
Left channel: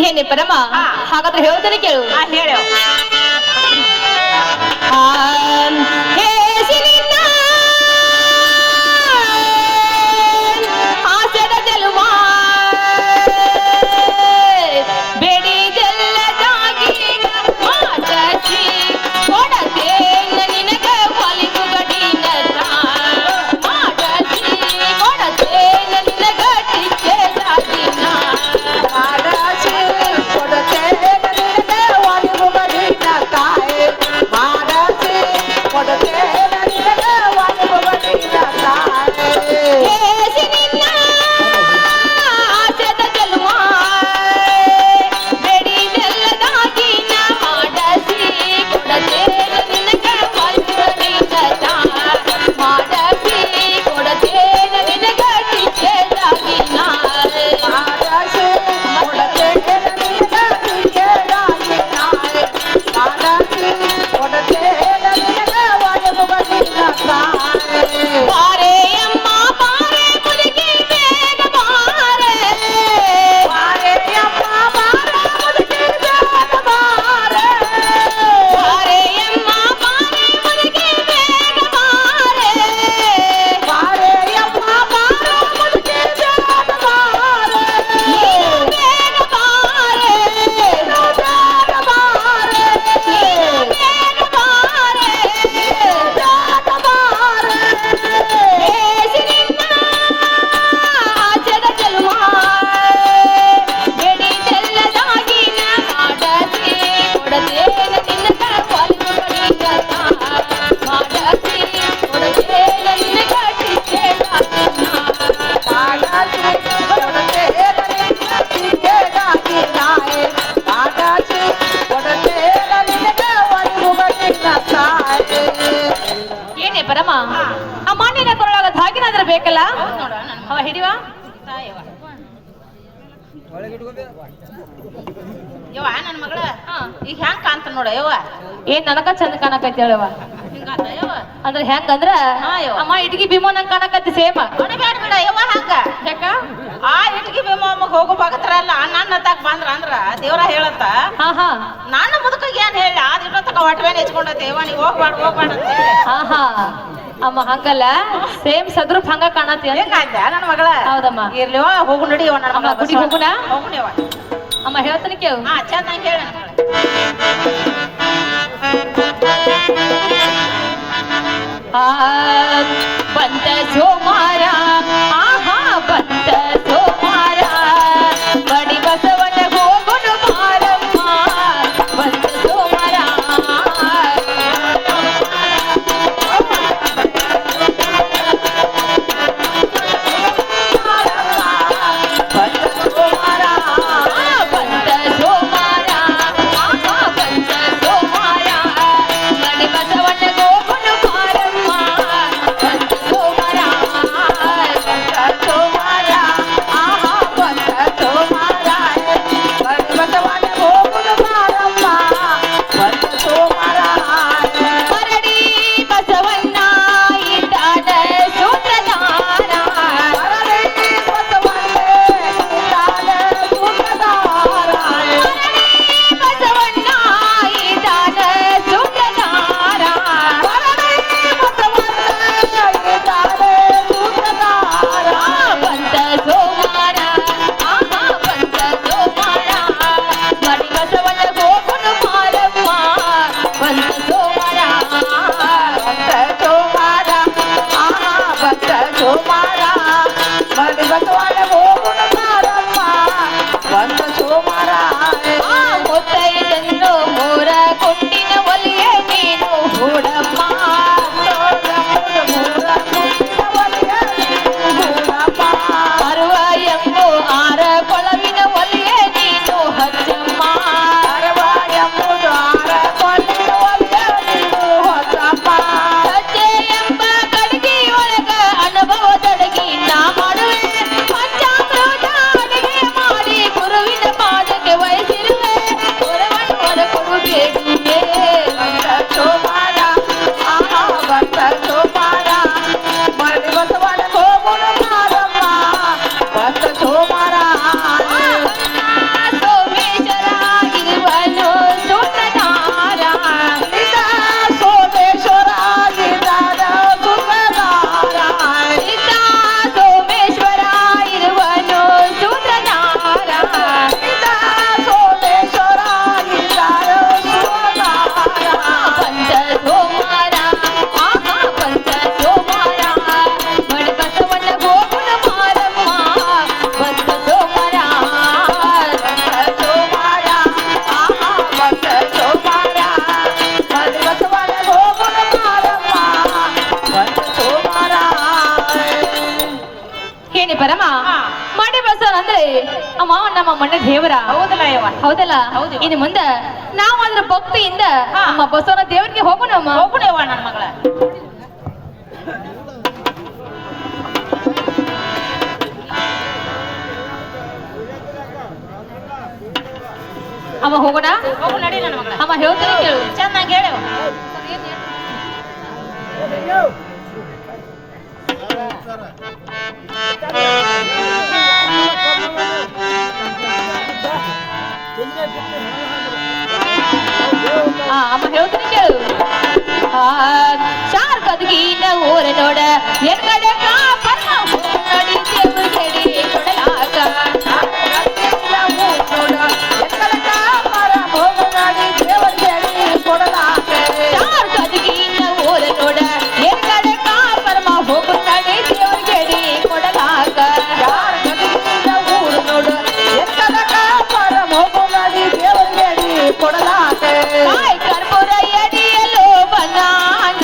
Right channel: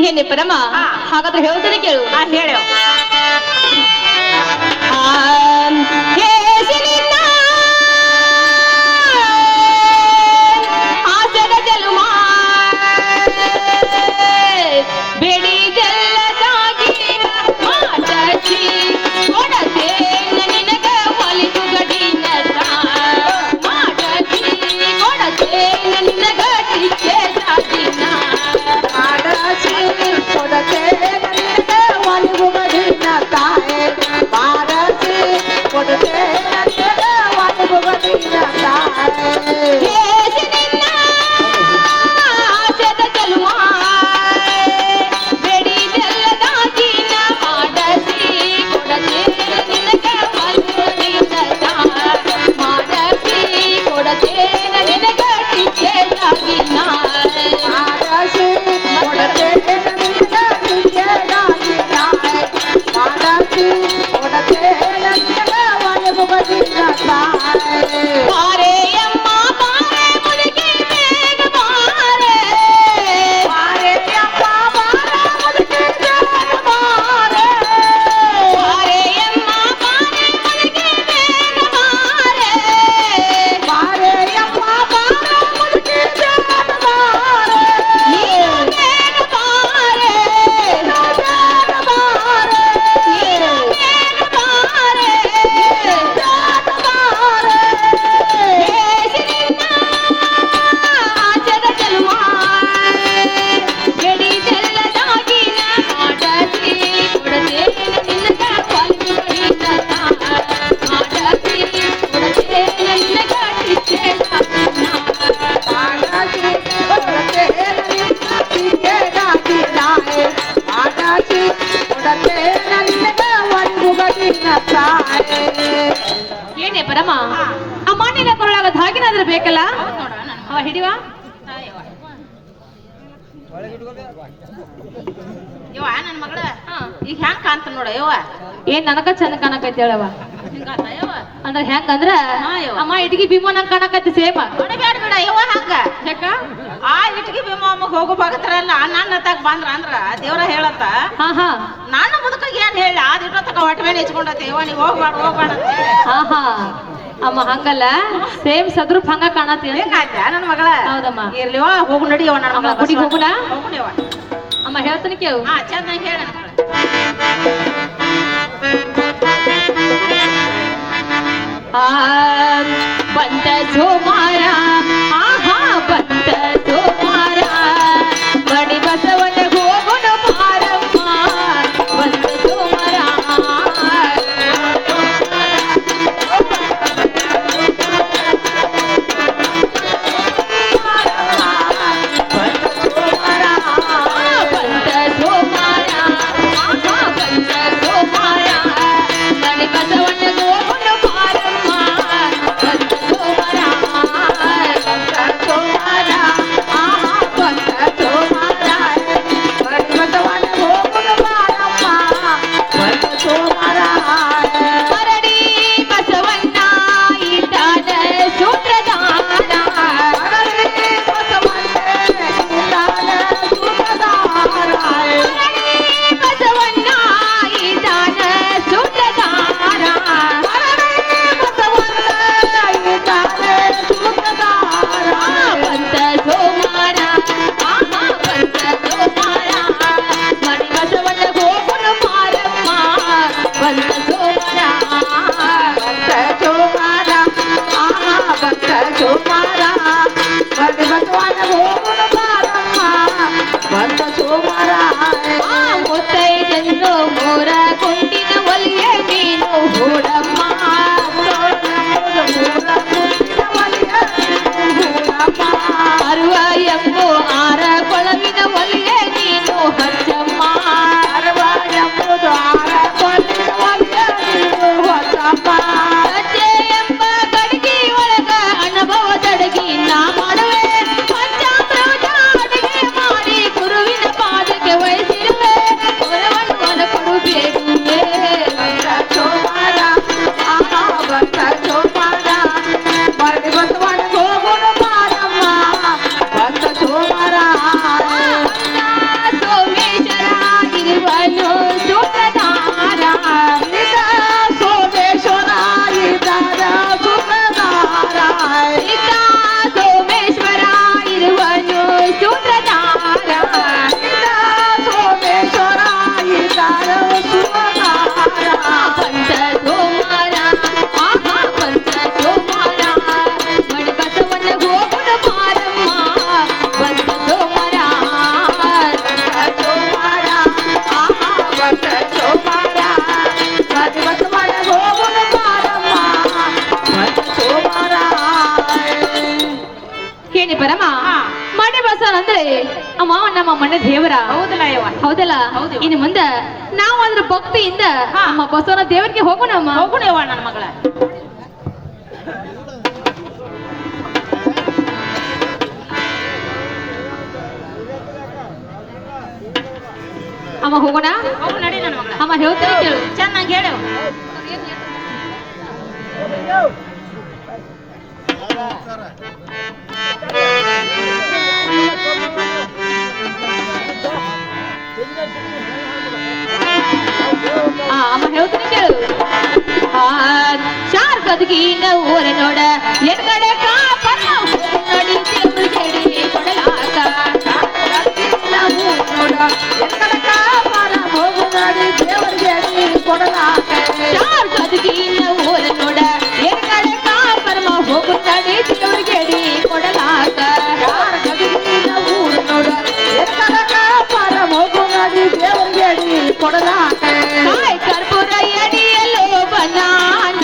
ಏನೇ ಪರಮ ಹಾ. ಹಾಗಾದ್ರೆ ಹೇಳ್ತಾನೆ ಕೇಳು ಹಾ ಹೇಳು ಹಾಸ್ಯದ ಜಲುಮ ಬೆಳಿದೆಲ್ಲದಾಗಿ ಮಾತಸಿ ಕೊಡದೆ ನಿನಗ ಪಾಲಿಸು ಗಡಿನ ಮಾಡಸಿ ಕೊಡದೆ ನಿನಗ ಟಿಕ್ಕೆ ಸಾಗಿನ ಮಾಡಸಿ ಕೊಡದೆ ನಿನಗ ಪಾಲಿಸು ಗಡಿನ ತಾಯಿ ಮಾಡಸಿ ಕೊಡದೆ ಕೊರಳಾಗ ಧಾಗಿನಾದ್ರೆ ಬೇಕಲ್ಲ ಹೌದ್ ನೋಡ ನನ್ ಅವ ಹಿಡಿವ ಯವ್ವ ನನ್ ಮಗಳ ಈಗ ಹೆಂಗ್ ಕಾಣ್ತ ನೋಡ ಯವ್ವ ಏನ್ ನನಗ ಚೆನ್ನ ಕಾಣಕೈತಿ ಹೇಳವ ಹಿಂಗಾತ ಯವ್ವ ಅಂದ್ರ ಹೆಂಗಂದ್ರ ಹಾ, ಯವ್ವ. ಅಮ್ಮ ಇಟ್ಗಿ ಭೀಮೋ ನಂಗೆ ಕಾಣಕತ್ತಿ ಸೇಮ ಬ್ಯಾಡ ಬಿಡ ಯವ್ವ ಹಂಗ ಯಾಕ ಆ ಇಟ್ಗಿ ಭೀಮ ಅಮ್ಮಗ್ ಹೋಗೋ ಭಕ್ತರಲ್ಲ ನನ್ನ ತಕ್ ಬಂದ್ರ ಅಂದ್ರ ದೇವ್ರ ಹೇಳತ್ತ ಹಾ ಹಾ ನಾನು ಮುದಕಂಗ ಏನ್ ಹೇಳಿ ಆದ್ ಇಟ್ಟೊತ್ತಕ ಹೊಟ್ಟೆ ಮೇಲೆ ಹೆಚ್ಕೊಂಡತ್ತೆ ಯವ್ವ ನೀವ್ ಹೋಗ್ಬೇಡ ಅಂತ ಹೇಳಿ. ಹಾ ಹಾ ಅಮ್ಮ ಹಂಗಲ್ಲ ಸೇಮ್ ಸದ್ರೂಪ್ ಹಂಗ ಕಾಣತ್ತಿ ಹೆಂಗಾಯ್ತ ನನ್ನ ಮಗಳ ಹೌದಮ್ಮ ಇರ್ಲಿವ ಹೋಗು ನಡಿ ಯವ್ವ ನನ್ನ ಅಮ್ಮ ಮಗಳ ಗುಡಿಗೆ ಹೋಗುಣ ಹೋಗುಣಿವ ಅಮ್ಮ ಹೇಳ್ತೀನಿ ಕೇಳು ಹಾ ಚೆನ್ನಾಗಿ ಹೇಳ ಬಂದ ಸೋಮಾರ ಆಹಾ ಬಂದ ಸೋಮಾರ ಬಡಿ ಬಸವನ ಹೋಗುಣ ಮಾರಮ್ಮ ಬಂದ ಸೋಮಾರ ಬಂದ ಸೋಮಾರ ಆಹಾ ಬಂದ ಸೋಮಾರ ಬಡಿ ಬಸವನ ಹೋಗುಣ ಮಾರಮ್ಮ ಬಂದ ಸೋಮಾರ ಬಂದ ಸೋಮಾರ ಆಹಾ ಬಂದ ಸೋಮಾರ ಬಡಿ ಬಸವನ ಹೋಗುಣ ಮಾರಮ್ಮ ಬಂದ ಸೋಮಾರ ಕರಡಿ ಬಸವಣ್ಣ ಇದ್ದಾನ ಸೂತ್ರಧಾರ ಕರಡಿ ಬಸವಣ್ಣ ಇದ್ದಾನ ಸೂತ್ರಧಾರ ಕರಡಿ ಬಸವಣ್ಣ ಇದ್ದಾನ ಸೂತ್ರಧಾರ ಕರಡಿ ಬಸವಣ್ಣ ಇದ್ದಾನ ಸೂತ್ರಧಾರ ಬಂದ ಸೋಮಾರ ಆಹಾ ಬಂದ ಸೋಮಾರ ಮಡಿ ಬಸವನ ಗೋಪುರ ಮಾರಮ್ಮ ಬಂದ ಸೋಮಾರ ಬಂದ ಸೋಮಾರ ಆಹಾ ಬಂದ ಸೋಮಾರ ಮಡಿ ಬಸವನ ಗೋಪುರ ಮಾರಮ್ಮ ಬಂದ ಸೋಮಾರ ಮುತ್ತೈದೆಂದು ಮೋರ ಕೊಂಡಿನ ಒಲಿಯೇ ನೀನು ಹೂಡಮ್ಮ ಅರುವ ಎಂಬು ಆರ ಕೊಳವಿನ ಒಲಿಯೇ ನೀನು ಹಚ್ಚಮ್ಮ ಅರುವ ಎಂಬುದು ಆರ ಕೊಳವಿನ ಒಲಿಯೇ ನೀನು ಹಚ್ಚಮ್ಮ ಸಜ್ಜೆ ಎಂಬ ಕಡಿಗೆ ಒಳಗ ಅನುಭವ ತಡಗಿ ನಾ ಮಾಡುವೆ ಪಂಚಾಮೃತ ಅಡಿಗೆ ಮಾಡಿ ಗುರುವಿನ ಪಾದಕ್ಕೆ ವಹಿಸಿರುವೆ ಗುರುವನ್ ಕೊಡುಬೇಡಿಯೇ ಬಂದ ಸೋಮಾರ ಆಹಾ ಬಂದ ಸೋಮಾರ ಮರದಿ ಬಸವನ ಹೋಗುಣ ಮಾರಮ್ಮ ಬಂದ ಸೋಮಾರ ಸೋಮೇಶ್ವರ ಇರುವನು ಸೂತ್ರಧಾರ ಇದ ಸೋಮೇಶ್ವರ ಇದ್ದಾನ ಸೂತ್ರಧಾರ ಇದ ಸೋಮೇಶ್ವರ ಇರುವನು ಸೂತ್ರಧಾರ ಇದ ಸೋಮೇಶ್ವರ ಇದ್ದಾನ ಸೂತ್ರಧಾರ ಬಂದ ಸೋಮಾರ ಆಹಾ ಬಂದ ಸೋಮಾರ ಮಡಿ ಬಸವನ ಗೋಪುರ ಮಾರಮ್ಮ ಬಂದ ಸೋಮಾರ ಬಂದ ಸೋಮಾರ ಆಹಾ ಬಂದ ಸೋಮಾರ ಮಡಿ ಬಸವನ ಗೋಪುರ ಮಾರಮ್ಮ ಬಂದ ಸೋಮಾರ ಏನಿ ಪರಮ ಮಡಿ ಬಸವ ಅಂದ್ರೆ ಅಮ್ಮ ನಮ್ಮ ಮನೆ ದೇವರ ಹೌದಲ್ಲ ಯವ್ವ ಹೌದಲ್ಲ ಹೌದು. ಇನ್ನು ಮುಂದೆ ನಾವು ಅದ್ರ ಭಕ್ತಿಯಿಂದ ನಮ್ಮ ಬಸವನ ದೇವರಿಗೆ ಹೋಗೋಣಮ್ಮ ಹೋಗುಣಿವ ನನ್ನ ಮಗಳ ಅಮ್ಮ ಹೋಗೋಣ ಹೋಗು ನಡಿ ನನ್ನ ಮಗಳ ಅಮ್ಮ ಹೇಳ್ತಾರೆ ಕೇಳು ಚೆನ್ನಾಗಿ ಹೇಳು ಅಮ್ಮ ಹೇಳ್ತೀನಿ ಕೇಳು ಶಾರ್ಕದ್ಗೀನ ಊರ ನೋಡ ಎಕ್ಕಡೆ ಕಾಪನ ನಡಿ ದೇವ್ರು ಕೇಳಿ ಕೊಡಲಾಕ ಶಾರ್ಕದ್ಗೀನ ಊರ ನೋಡ ಎಕ್ಕಡೆ ಕಾಪರಮ ಹೋಗು ನಡಿ ದೇವ್ರು ಕೇಳಿ ಕೊಡಲಾಕ ಆಯ್ ಕರ್ಪೂರ ಎಡಿಯಲು ಬನಾನ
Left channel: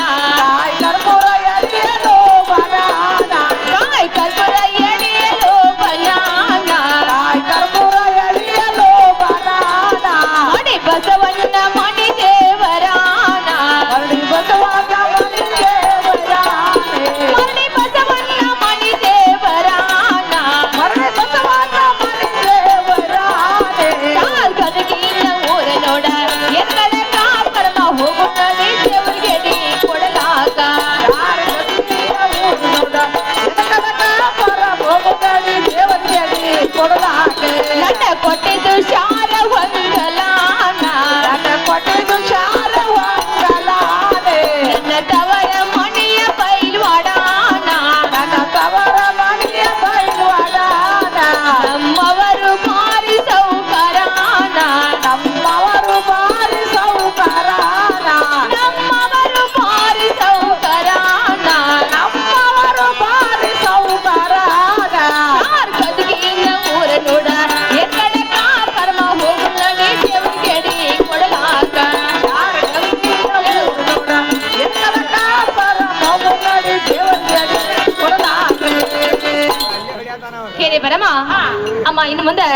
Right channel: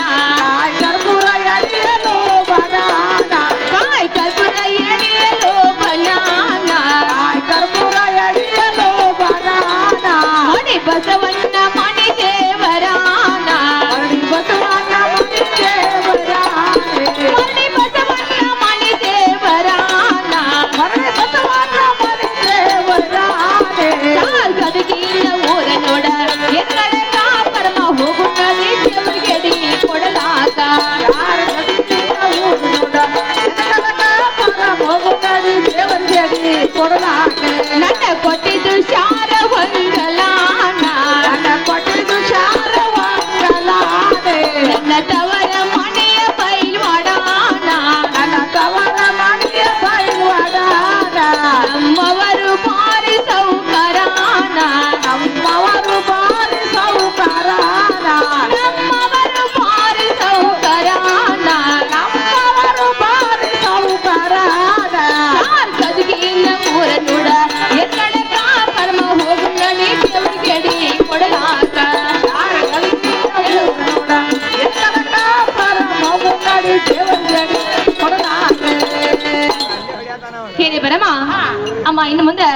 ಏನೇ ಬರಮ್ಮ ಅಮ್ಮ ಇನ್ನು ಮುಂದೆ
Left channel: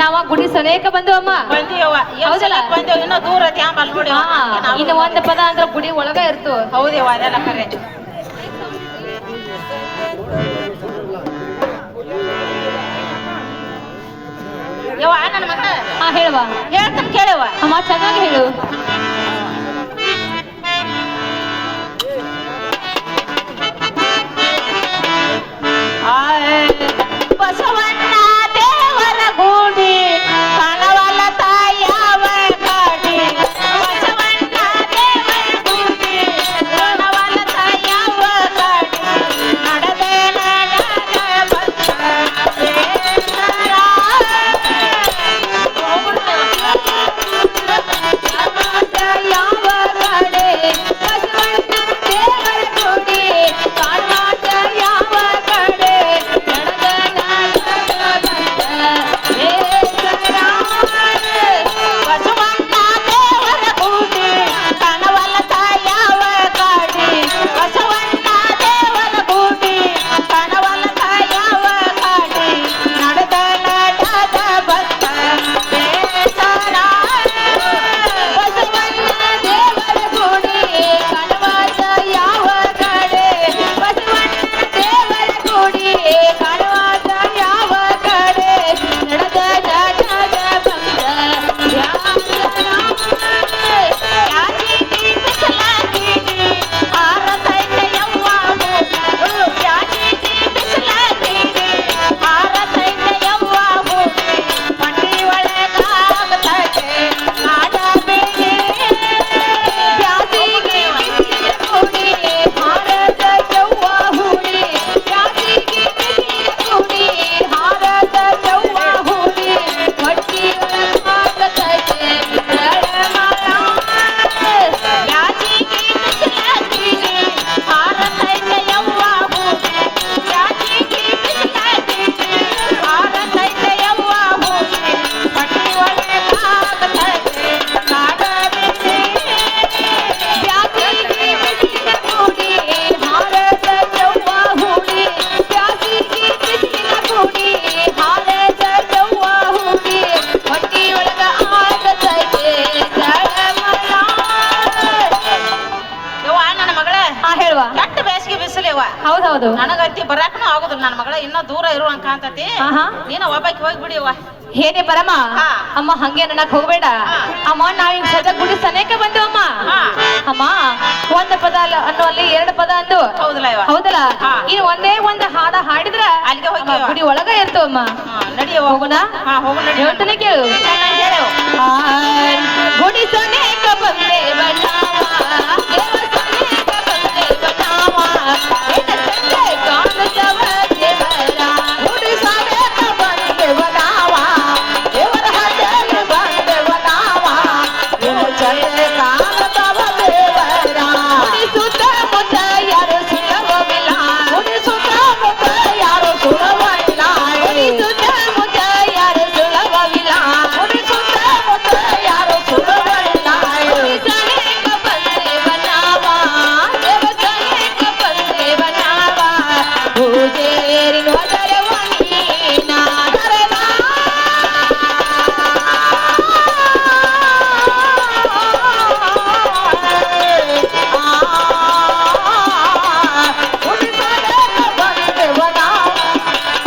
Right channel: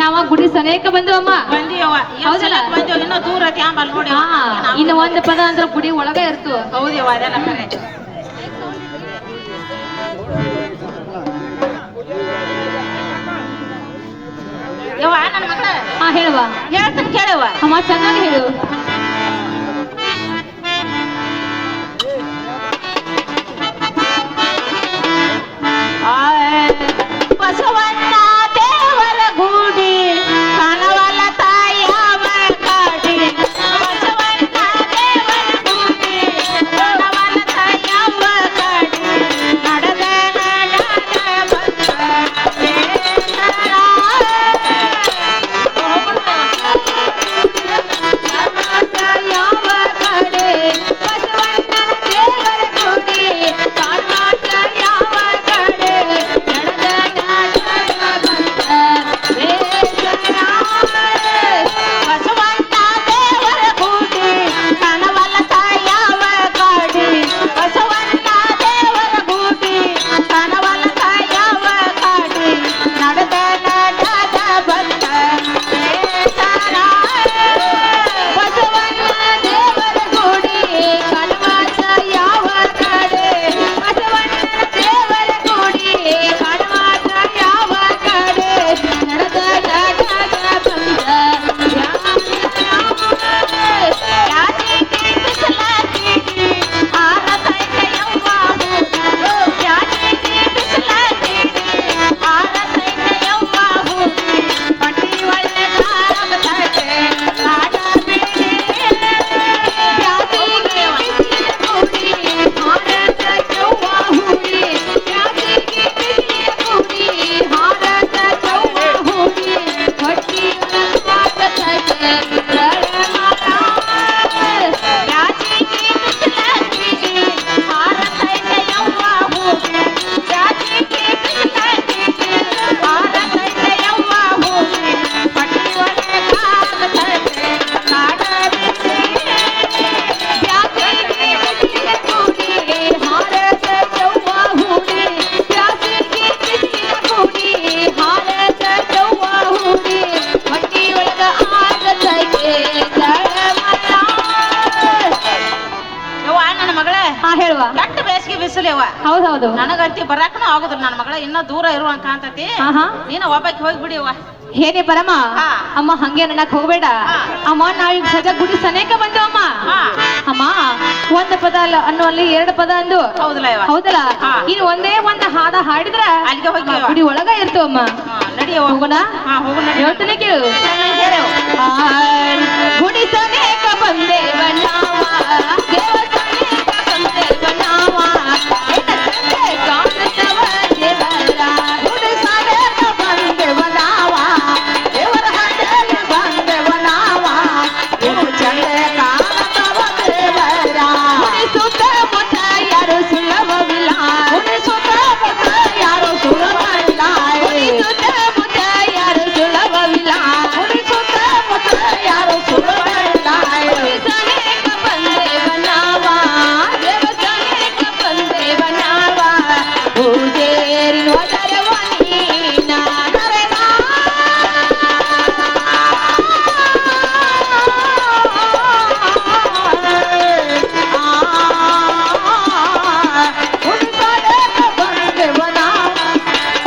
ನಾವ ಗುಡಿ ಸನೇಕ ಬಂದವಮ್ಮ ಬಂದಿಯವ್ವ ಹೌದಲ್ಲ? ಬಂದೇವ್ ಇನ್ನೂ ದೂರ ಐತಿ ಆಂಬಲ್ ನೋಡಿ ಇನ್ನು ಒಂದು ಪದ ಅಂದ್ರೆ ಗುಡಿ ಒಳಗ ಇರ್ತು ಹೌದೇವ ಅದೆಲ್ಲ ಕರೆ ಯವ್ವ ನನ್ನ ಮಗಳ ಹಾ ಹೇಳುವ ಹೇಳ್ತೀನಿ ಕೇಳವ್ವ ಅಮ್ಮ ಚೆನ್ನಾಗಿ ಹೇಳು ಬಸವಣ್ಣ ದೇವರ ಗೂಡಿ ಕನವಲ ತಾಯವ ಕಾಡಿ ಬಸವಣ್ಣ ದೇವರ ಗೂಡಿ ಕನವಲ ತಾಯವ ಕಾಡಿ ನಡೆದ ಹೌದೌದು ನನಗತ್ತಿ ಬರಾಕನು ಆಗುದಿಲ್ಲ ನನ್ನ ಮಗಳ ಇನ್ನೂ ದೂರ ಇರುವಂಗ ಕಾಣ್ತತಿ ನೀನು ಒಬ್ಬಾಕಿ ಹೋಗ್ಬಿಡಿಯವ್ವ ಹೇಗೆ ಬರಮ್ಮ ಅಮ್ಮ ಹಂಗೆ ನನಕ್ ಹೋಗ್ಬೇಡ ಅಮ್ಮ ನಾವೀಗ ಸದ ಗುಡಿ ಸನೇಕ ಬಂದವಮ್ಮ ಅಮ್ಮ ಒಂದ್ ಪದ ಅಲ್ಲ ಅನ್ನೋ ಅಲ್ಲಿ ಎರಡು ಪದ ಅಂದು ಹೌದಲ್ಲ ಇವ ಹೌದಲ್ಲ ಇನ್ ಒಂದೇ ಒಂದ್ ಹಾಡ ಹಾಡಿದ್ರ ಅಲ್ಲಿಗೆ ಹೋಗಿ ಗುಡಿ ಒಳಗ ಇರ್ತವಮ್ಮ ನಡಿಯವ್ವ ಹೋಗೋಣ ಹೋಗೋಣ ಹೇಳ್ತಾನೆ ಕೇಳು ಗುಡಿ ಸನೇಕ ಬಂದೇವ ನಾವ ದೇವ ಸನೇಕ ಬಂದೇವ ನಾವ ಗುಡಿ ಸನೇಕ ಬಂದೇವ ನಾವ ದೇವರ ಹಳ್ಳಿಯಲ್ಲಿ ಬಂದೇವ ನಾವ ನಿನ್ನ ಚಂದೆ ಕಾಣದವ ದೇವರ ಗುಡಿ ಸುತ್ತಮುತ್ತ ಯಾರು ಸುಳ್ಳವಿಲ್ಲ ಗುಡಿ ಸುತ್ತಮುತ್ತ ಯಾರು ಸುಳ್ಳವಿಲ್ಲ ಗುಡಿ ಸುತ್ತಮುತ್ತ ಯಾರು ಸುಳ್ಳವಿಲ್ಲ ಗುಡಿ ಸುತ್ತಮುತ್ತ ಯಾರು ಸುಳ್ಳವಿಲ್ಲ ಗುಡಿ ಸನೇಕ ಬಂದೇವ ನಾವ ದೇವ ಸನೇಕ ಬಂದೇವ ನಾವ ಪೂಜೇರಿ ನೋಡರವ ನೀನಾದರೆಗ ಗುಡಿ ಸನೇಕ ಬಂದೇವ ನಾವ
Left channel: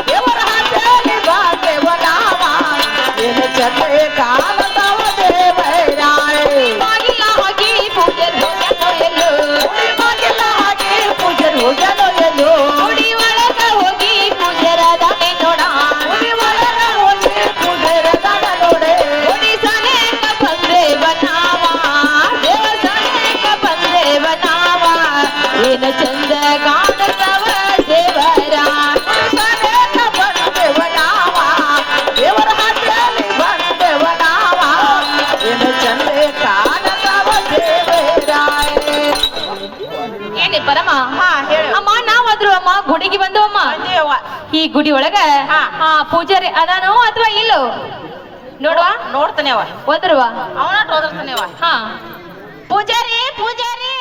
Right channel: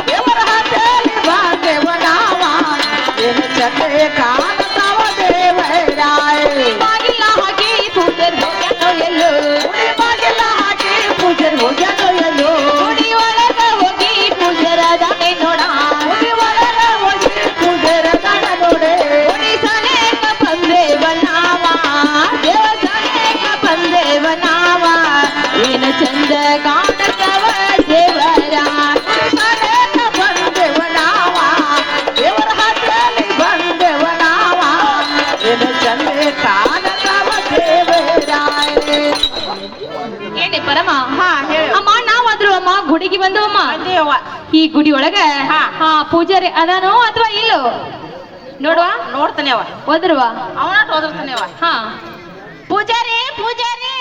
ದೇವರ ಹಳ್ಳಿಯಲ್ಲಿ ಬಂದೇವ ನಾವ ನಿನ್ನ ಚಂದೆ ಕಾಣದವ ದೇವರಾಯ ಬಾಗಿಲ ಹಾಕಿ ಪೂಜರ್ ಹೋಗಲು ಎಲ್ಲೋ ಬಾಗಿಲ ಹಾಕಿ ಪೂಜರ್ ಹೋಗಲು ಎಲ್ಲೋ ಗುಡಿ ಒಳಗ ಹೋಗಿ ಪೂಜರ ದಾನೆ ನೋಡ ಗುಡಿ ಒಳಗ ಹೋಗಿ ಪೂಜರ ದಾನೆ ನೋಡೆ ಗುಡಿ ಸನೇಕ ಬಂದೇವ ನಾವ ದೇವ ಸನೇಕ ಬಂದೇವ ನಾವ ಏನ ಚಂದ ಕಾಣದವ ದೇವರ ಸನೇಕ ಬಂದೇವ ನಾವ ದೇವರ ಹಳ್ಳಿಯಲ್ಲಿ ಬಂದೇವ ನಾವ ಏನ ಚಂದ ಕಾಣದವ ದೇವರಾಯ ಏನೇ ಪರಮ ಅಮ್ಮ ನಾವಾದ್ರು ಅಮ್ಮ ಗುಡಿಗೆ ಬಂದವಮ್ಮ ಅಯ್ಯವ್ವ ಈ ಗುಡಿ ಒಳಗ ಹಾ. ಪೂಜಾರಿ ಅದಾನೋ ಅಥವಾ ಇಲ್ಲೋ ನೋಡುವ ನೋಡ್ತಾನೆ ಅವ ಒದರುವ ಅವನ ಓದಿರ್ತಾನೆ ಅವ ಹಾ ಪೂಜಾರಿ ಪೂಜಾರಿ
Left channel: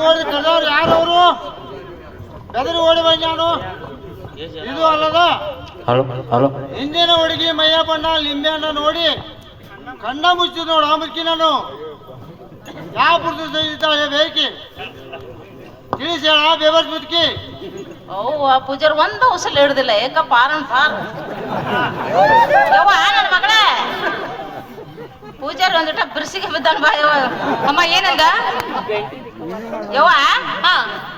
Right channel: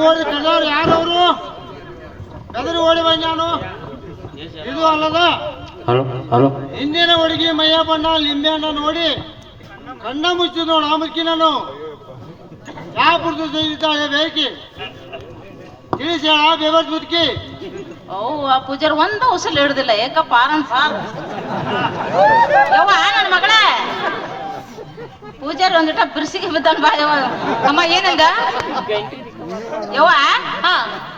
ಓಡಿ ಕದವ್ರು ಯಾರವರು ಕದರಿ ಓಡಿ ಬಂದಾನು ಇದು ಅಲ್ಲದ ಹಿಂದಿನ ಹುಡುಗಿ ಮೈಯ ಬಣ್ಣ ಲಿಂಬೆ ಹಣ್ಣ ನೋಡಿ ಕಣ್ಣ ಮುಚ್ಚಿ ನೋಡು ಆ ಮುಚ್ಚಿ ನಾನು ಯಾವ ಪುರುಷ ಬೇಕಿ ತಿಳಿಸಿ ಹೇಳ ಬೇಬರ್ಸ್ ಮುದುಕಿ ಆ ಪೂಜಾರಿ ಒಂದು ಉಸಲ್ ಹಿಡ್ದಿಲ್ಲ ಏಕಪ್ಪ ಆರಂತ ಯವ್ವ ನನ್ನ ಮಗಳೇ ಪೂಜಾರಿ ಒಂದಿಟ ಬಿರ್ಸಿಗೆ ಬಿದ್ದನ್ ಬಾ ಯವ್ವ ಅಮ್ಮ ಏನಂದ ಯವ್ವ ಹಾ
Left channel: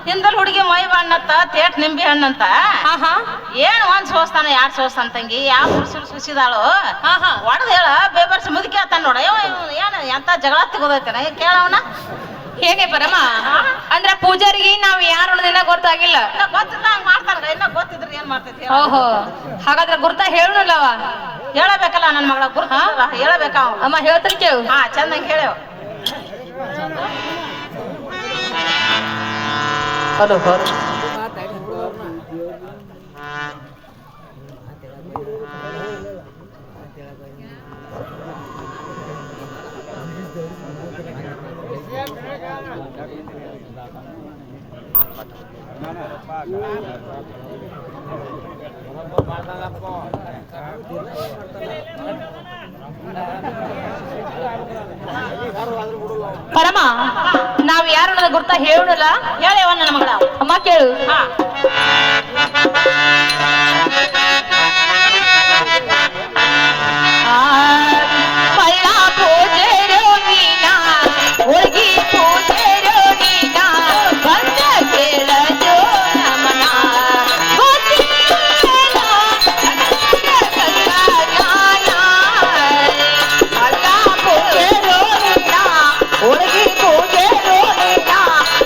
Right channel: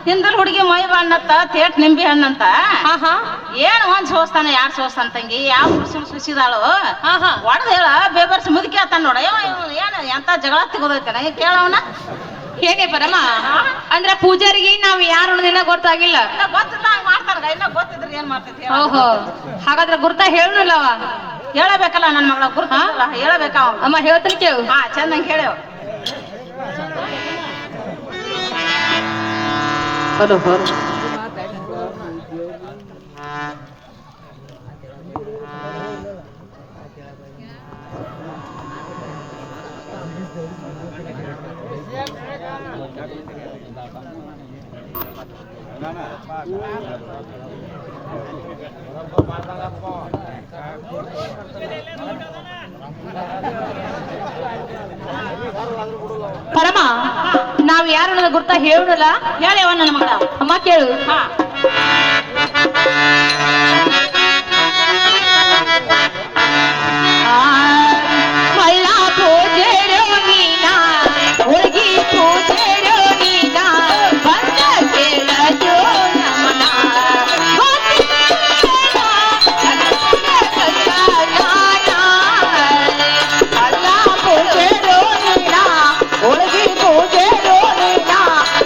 ಹಿಂದಲ್ ಹುಡುಗಿ ಮೈ ಬಣ್ಣತ್ತ ತೇಟ್ ನಿಂಬಿ ಹಣ್ಣಂತ ಹಾ ಹಾ ಏನ್ ಒಂದ್ ಸೋಸ್ತಾನ ಯಾರ್ ಸೋಸ್ತಾನ ತಂಗಿ ಯಾವ ಪುರುಷ ಸುಸಿದಾಳು ಹಾ ಹಾ ಹೊಡೆದ ಹೇಳ ಬೇಬರ್ಸ್ ಮುದುಕಿ ಆತಾನ ನೋಡ ಏನ್ ಎಂತ ಜಗಳ ತೆಗೋದೈತಾನ ಕೇಳವನ ಹೇಗೆ ಪರಮ ಅಂದ್ರ ಪೂಜಾರಿಗೆ ನಾವ್ ಯಾರು ಅನ್ನೋದೇನ ಗೊತ್ತಾಗಿಲ್ಲ ಗೊತ್ತಿಲ್ಲ ಹಂಗ ಮಾಡ್ತಾರ ಇನ್ನ ಗೊತ್ತಿದ್ರಿ ಏನ್ ಮಾಡ್ತೈತಿ ಓಹೋ ಹಾಗಾದ್ರೆ ಗುರ್ತ ಹೇಳಲ್ಲವ ಹೇಳಬೇಕಲ್ಲ ನನ್ನ ಮಗಳ ಗುರ್ತ ಹೇಳಬೇಕ ಅಮ್ಮ ಹೇಳ್ತಾನೆ ಕೇಳು ಹಾ ಚಂದಂಗ್ ಹೇಳೇವ್ ಪರಮ ನಾವ್ ಯಾರು ಅನ್ನೋದು ಗುರ್ತ ಹೇಳಲ್ಲ ಹೇಳೇವ ನನ್ನ ಮಗಳ ಅಮ್ಮ ಕೇಳು ಹಾ ಮಳ್ಳ ಪೂಜೆರೋ ನೀನ ಹುಡುಗಿ ಪೂಜೆರೋ ನೀನ ಬಂದ ಕೇಳಜೋ ನಮನ ಹುಡುಗಿ ಪೂಜೆರೋ ನೀನ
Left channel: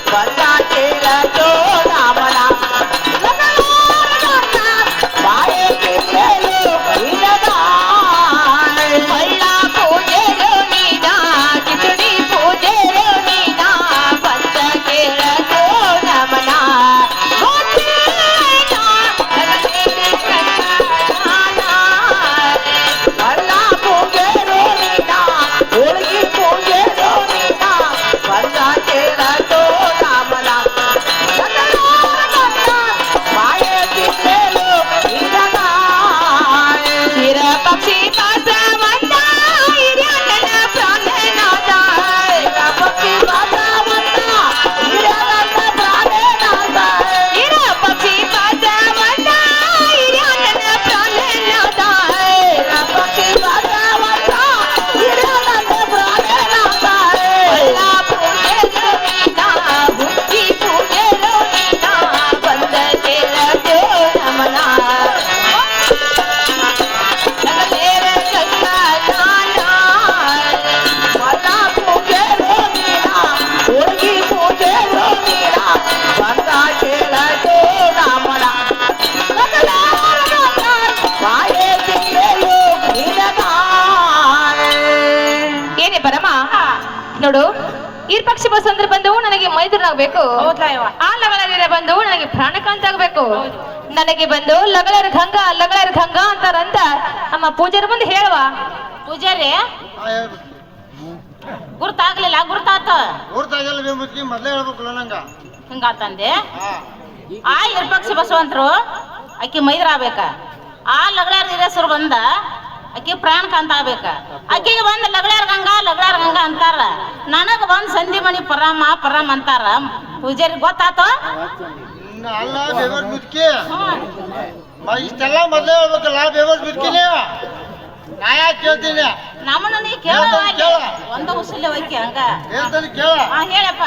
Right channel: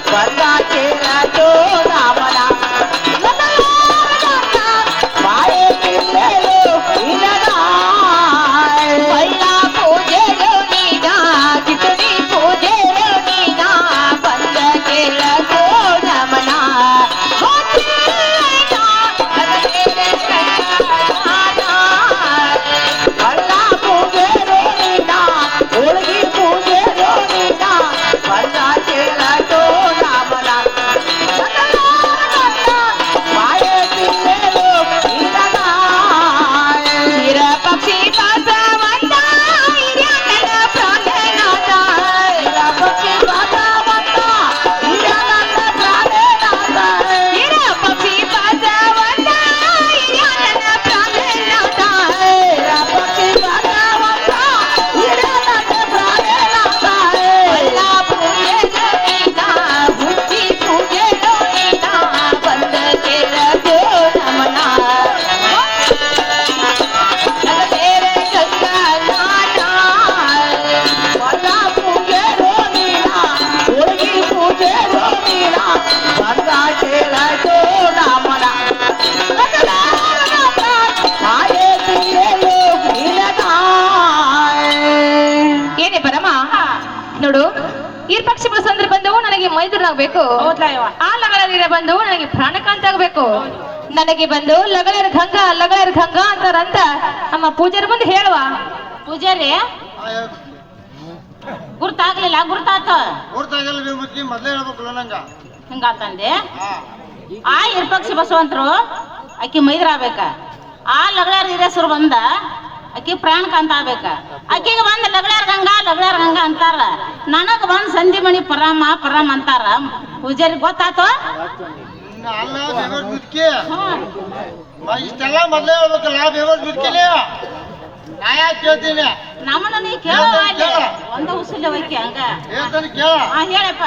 ಬಂದ ಕೇಳಜೋ ನಮನ ನೋಡು ಈ ಪಕ್ಷಿ ಬಸಂದ್ರ ಬಂದು ನನಗೆ ಮೈದುರಾಗಬೇಕು ಹೌದಾ ಯವ್ವ ಆ ಲಗಲರಿನ ಬಂದು ನನಗೆ ಪ್ರಾಣಕಾಂತ ಆಗ್ಬೇಕು ನನಗೆ ಬಂದು ಲಗಲರ ಗಂಗಾ ಅಂತಾರಂತ ನಮ್ಮ ಪೂಜಾರಿ ಮುಂದೆ ಹೇಳುವ ಪೂಜಾರಿ ಗುರ್ತಾಗ್ಲಿಲ್ಲ ಗುರ್ತಾತ ಊರ್ತಾಗಲ್ಲ ಮುಚ್ಚಿ ಮೊದ್ಲೇ ಹೇಳ್ಬೇಕಲ್ಲ ನಂಗ ಹಿಂಗಾತಂದೆ ಆ ಇರ್ಪಕ್ಷ ಬಸವಂತರು ಅಕ್ಕಿ ಮೈದರಾಬೇಕ ಆ ಲಗಳಾರ ಹಿರೇಸರು ಬಂದ ಅಕ್ಕಿ ಪ್ರಾಣಕಾಂತ ಆಗ್ಬೇಕ ಅಕ್ಕಿಗೆ ಬಂದ ಲಗಳಾರ ಗಂಗಾ ಅಂತಾರ ನನಗ ಬಂದ್ ಸಂಧಿ ಮಣಿ ಪರಮ ಅಂತಾರ ಪೂಜಾರಿ ಗೊತ್ತಾತ ಅಲ್ಲ ಬೇವರ್ ಮುದ್ಕಿ ಇಷ್ಟೆಲ್ಲ ಮೊದ್ಲೇ ಹೇಳ್ಬೇಕಲ್ಲ ಬೇವರ್ ಮುದ್ಕಿನೇ ನಾ ಯಾಕೆ ಕೇಳ್ತೀನಿ ನಮ್ಮನ್ನ ನೀ ಕೇಳ ಒಂದು ಉಸಲೆ ಹೋಯ್ಕೆ ಹಂಗ ಹೇಳ್ತಾನೆ ಕೇಳ ಹೇಳಪ್ಪ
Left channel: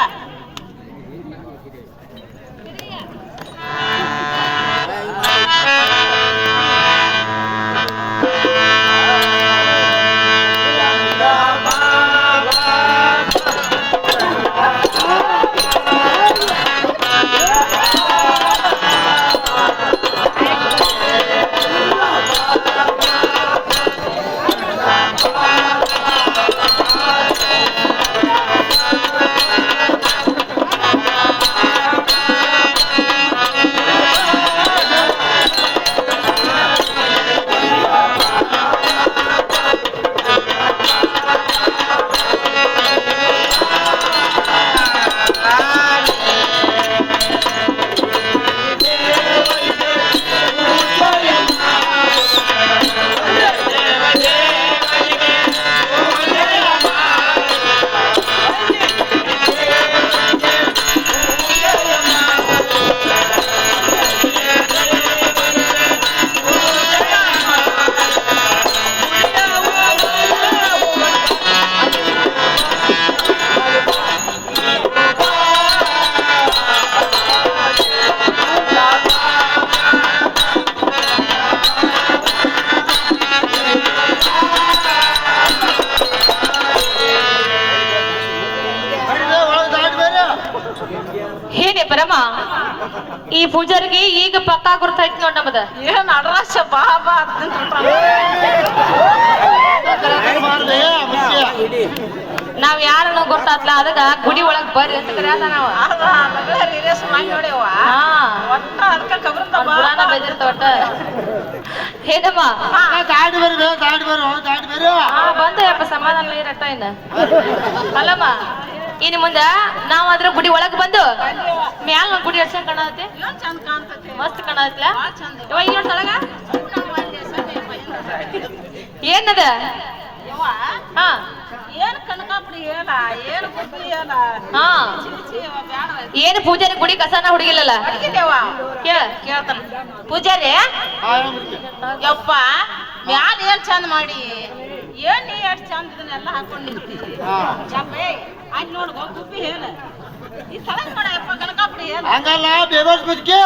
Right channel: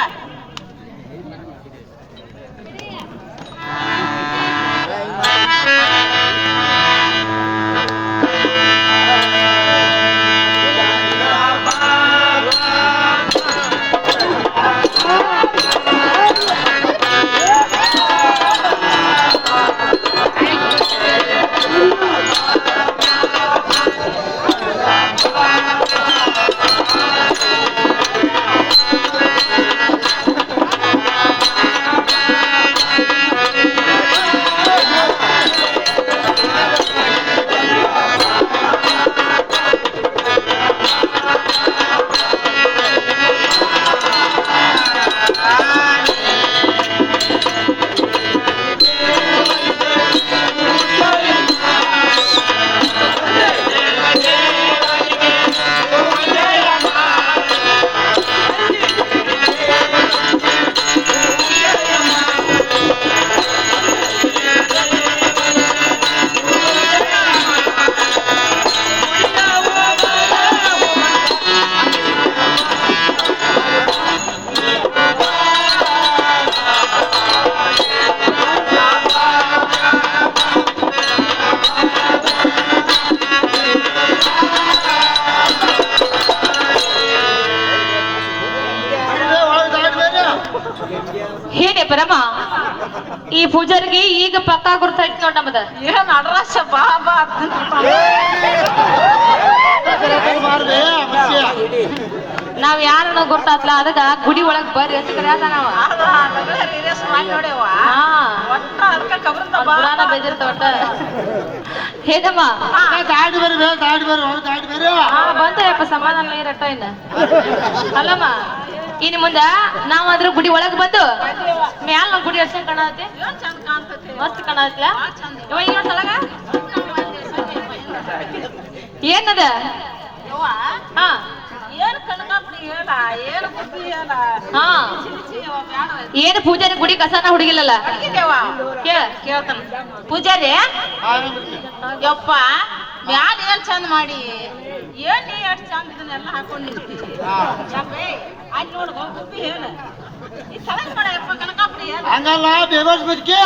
ಗುರ್ತಾಯ್ತು ನೋಡ್ ನಮ್ದ. ಏನ್ ಅಡ್ರಾಶ ಬಾ ಬಾ ಮಾಡ್ದೆ ಮುಖ್ಯ. ನಾವ್ ಯಾರನ್ನ ಗೊತ್ತಾತ್ಲ ಅದಕ್ಕ ಗುಡಿ ಒಳಗ್ ಬರ್ರಿ ಅಂತ ಕರ್ಯಾನ ನಾವ್. ನೋಡ್ಯವ ಹಾ ಒಟ್ಟ ಅದಕ್ಕೆ ಕಬ್ರಿಂದ ಪುರಾಣ ಬೇದಿರ್ತ ಒಟ್ಟ. ಹೇಗಮ್ಮ ದಾಟಿ ಬೇರೆ ದಾಟಿ ಬೇರೆ ಹೊರ ದಾಟಿ ಬೇರೆ. ಬಂತಪ್ಪ ಸಮಾಧಾನ ಇರಟ್ಟ ಇನ್ನ. ಅಲ್ಲಮ್ಮ ಇನ್ನು ಮುಂದ ನಾವ್ ಅದ್ರ ಗುಡಿ ಒಳಗ್ ಬಂದು ಮ್ಯಾಲ ನಮ್ ಗುಡಿ ಎಷ್ಟ್ ಕಾಣತ್ತೆ, ಚಂದ ಕಾಣ್ತೈತೆ ಮಸ್ತ್ ಕಾಣತ್ಲ. ಇವ ಈ ನೋಡ್ತಾಳಗ ಏನದ? ಯವ್ವ ಹಾ ಏನ್ ಕನಕಾಪುಡಿ ಹೇಳ ಏನ್ ಬುದ್ಧಿ ಹೇಳ ಹಾ ಏನು ಪೂಜಾರಿ ಗುಡಿ ಕಸನ ಹುಡುಗಿಲ್ಲಲ್ಲ. ಕೇಳ ಕೇಳ್ತಾನ ಪೂಜಾರಿ ಯಪ್ಪ ಮ್ಯಾಲ ಏನ್ ಚಂದ ಮಾಡಿ ಏನ್ ನೀ ಎಷ್ಟ್ ಚಂದ ಇದನ್ನೆಲ್ಲ ಹಾಕೊಂಡಿರ್ತಿ ಆಯ್ತು ನೋಡ್ ಗುಬ್ಬಿ ಹೇಳ ಈ ತಳಗ್ ಮಾಡಪ್ಪ ಕನಕಾಪುಡಿ ಹೇಳ ಹಂಗಲ್ಲ ಬೇಬಸ್ ಬದುಕಿ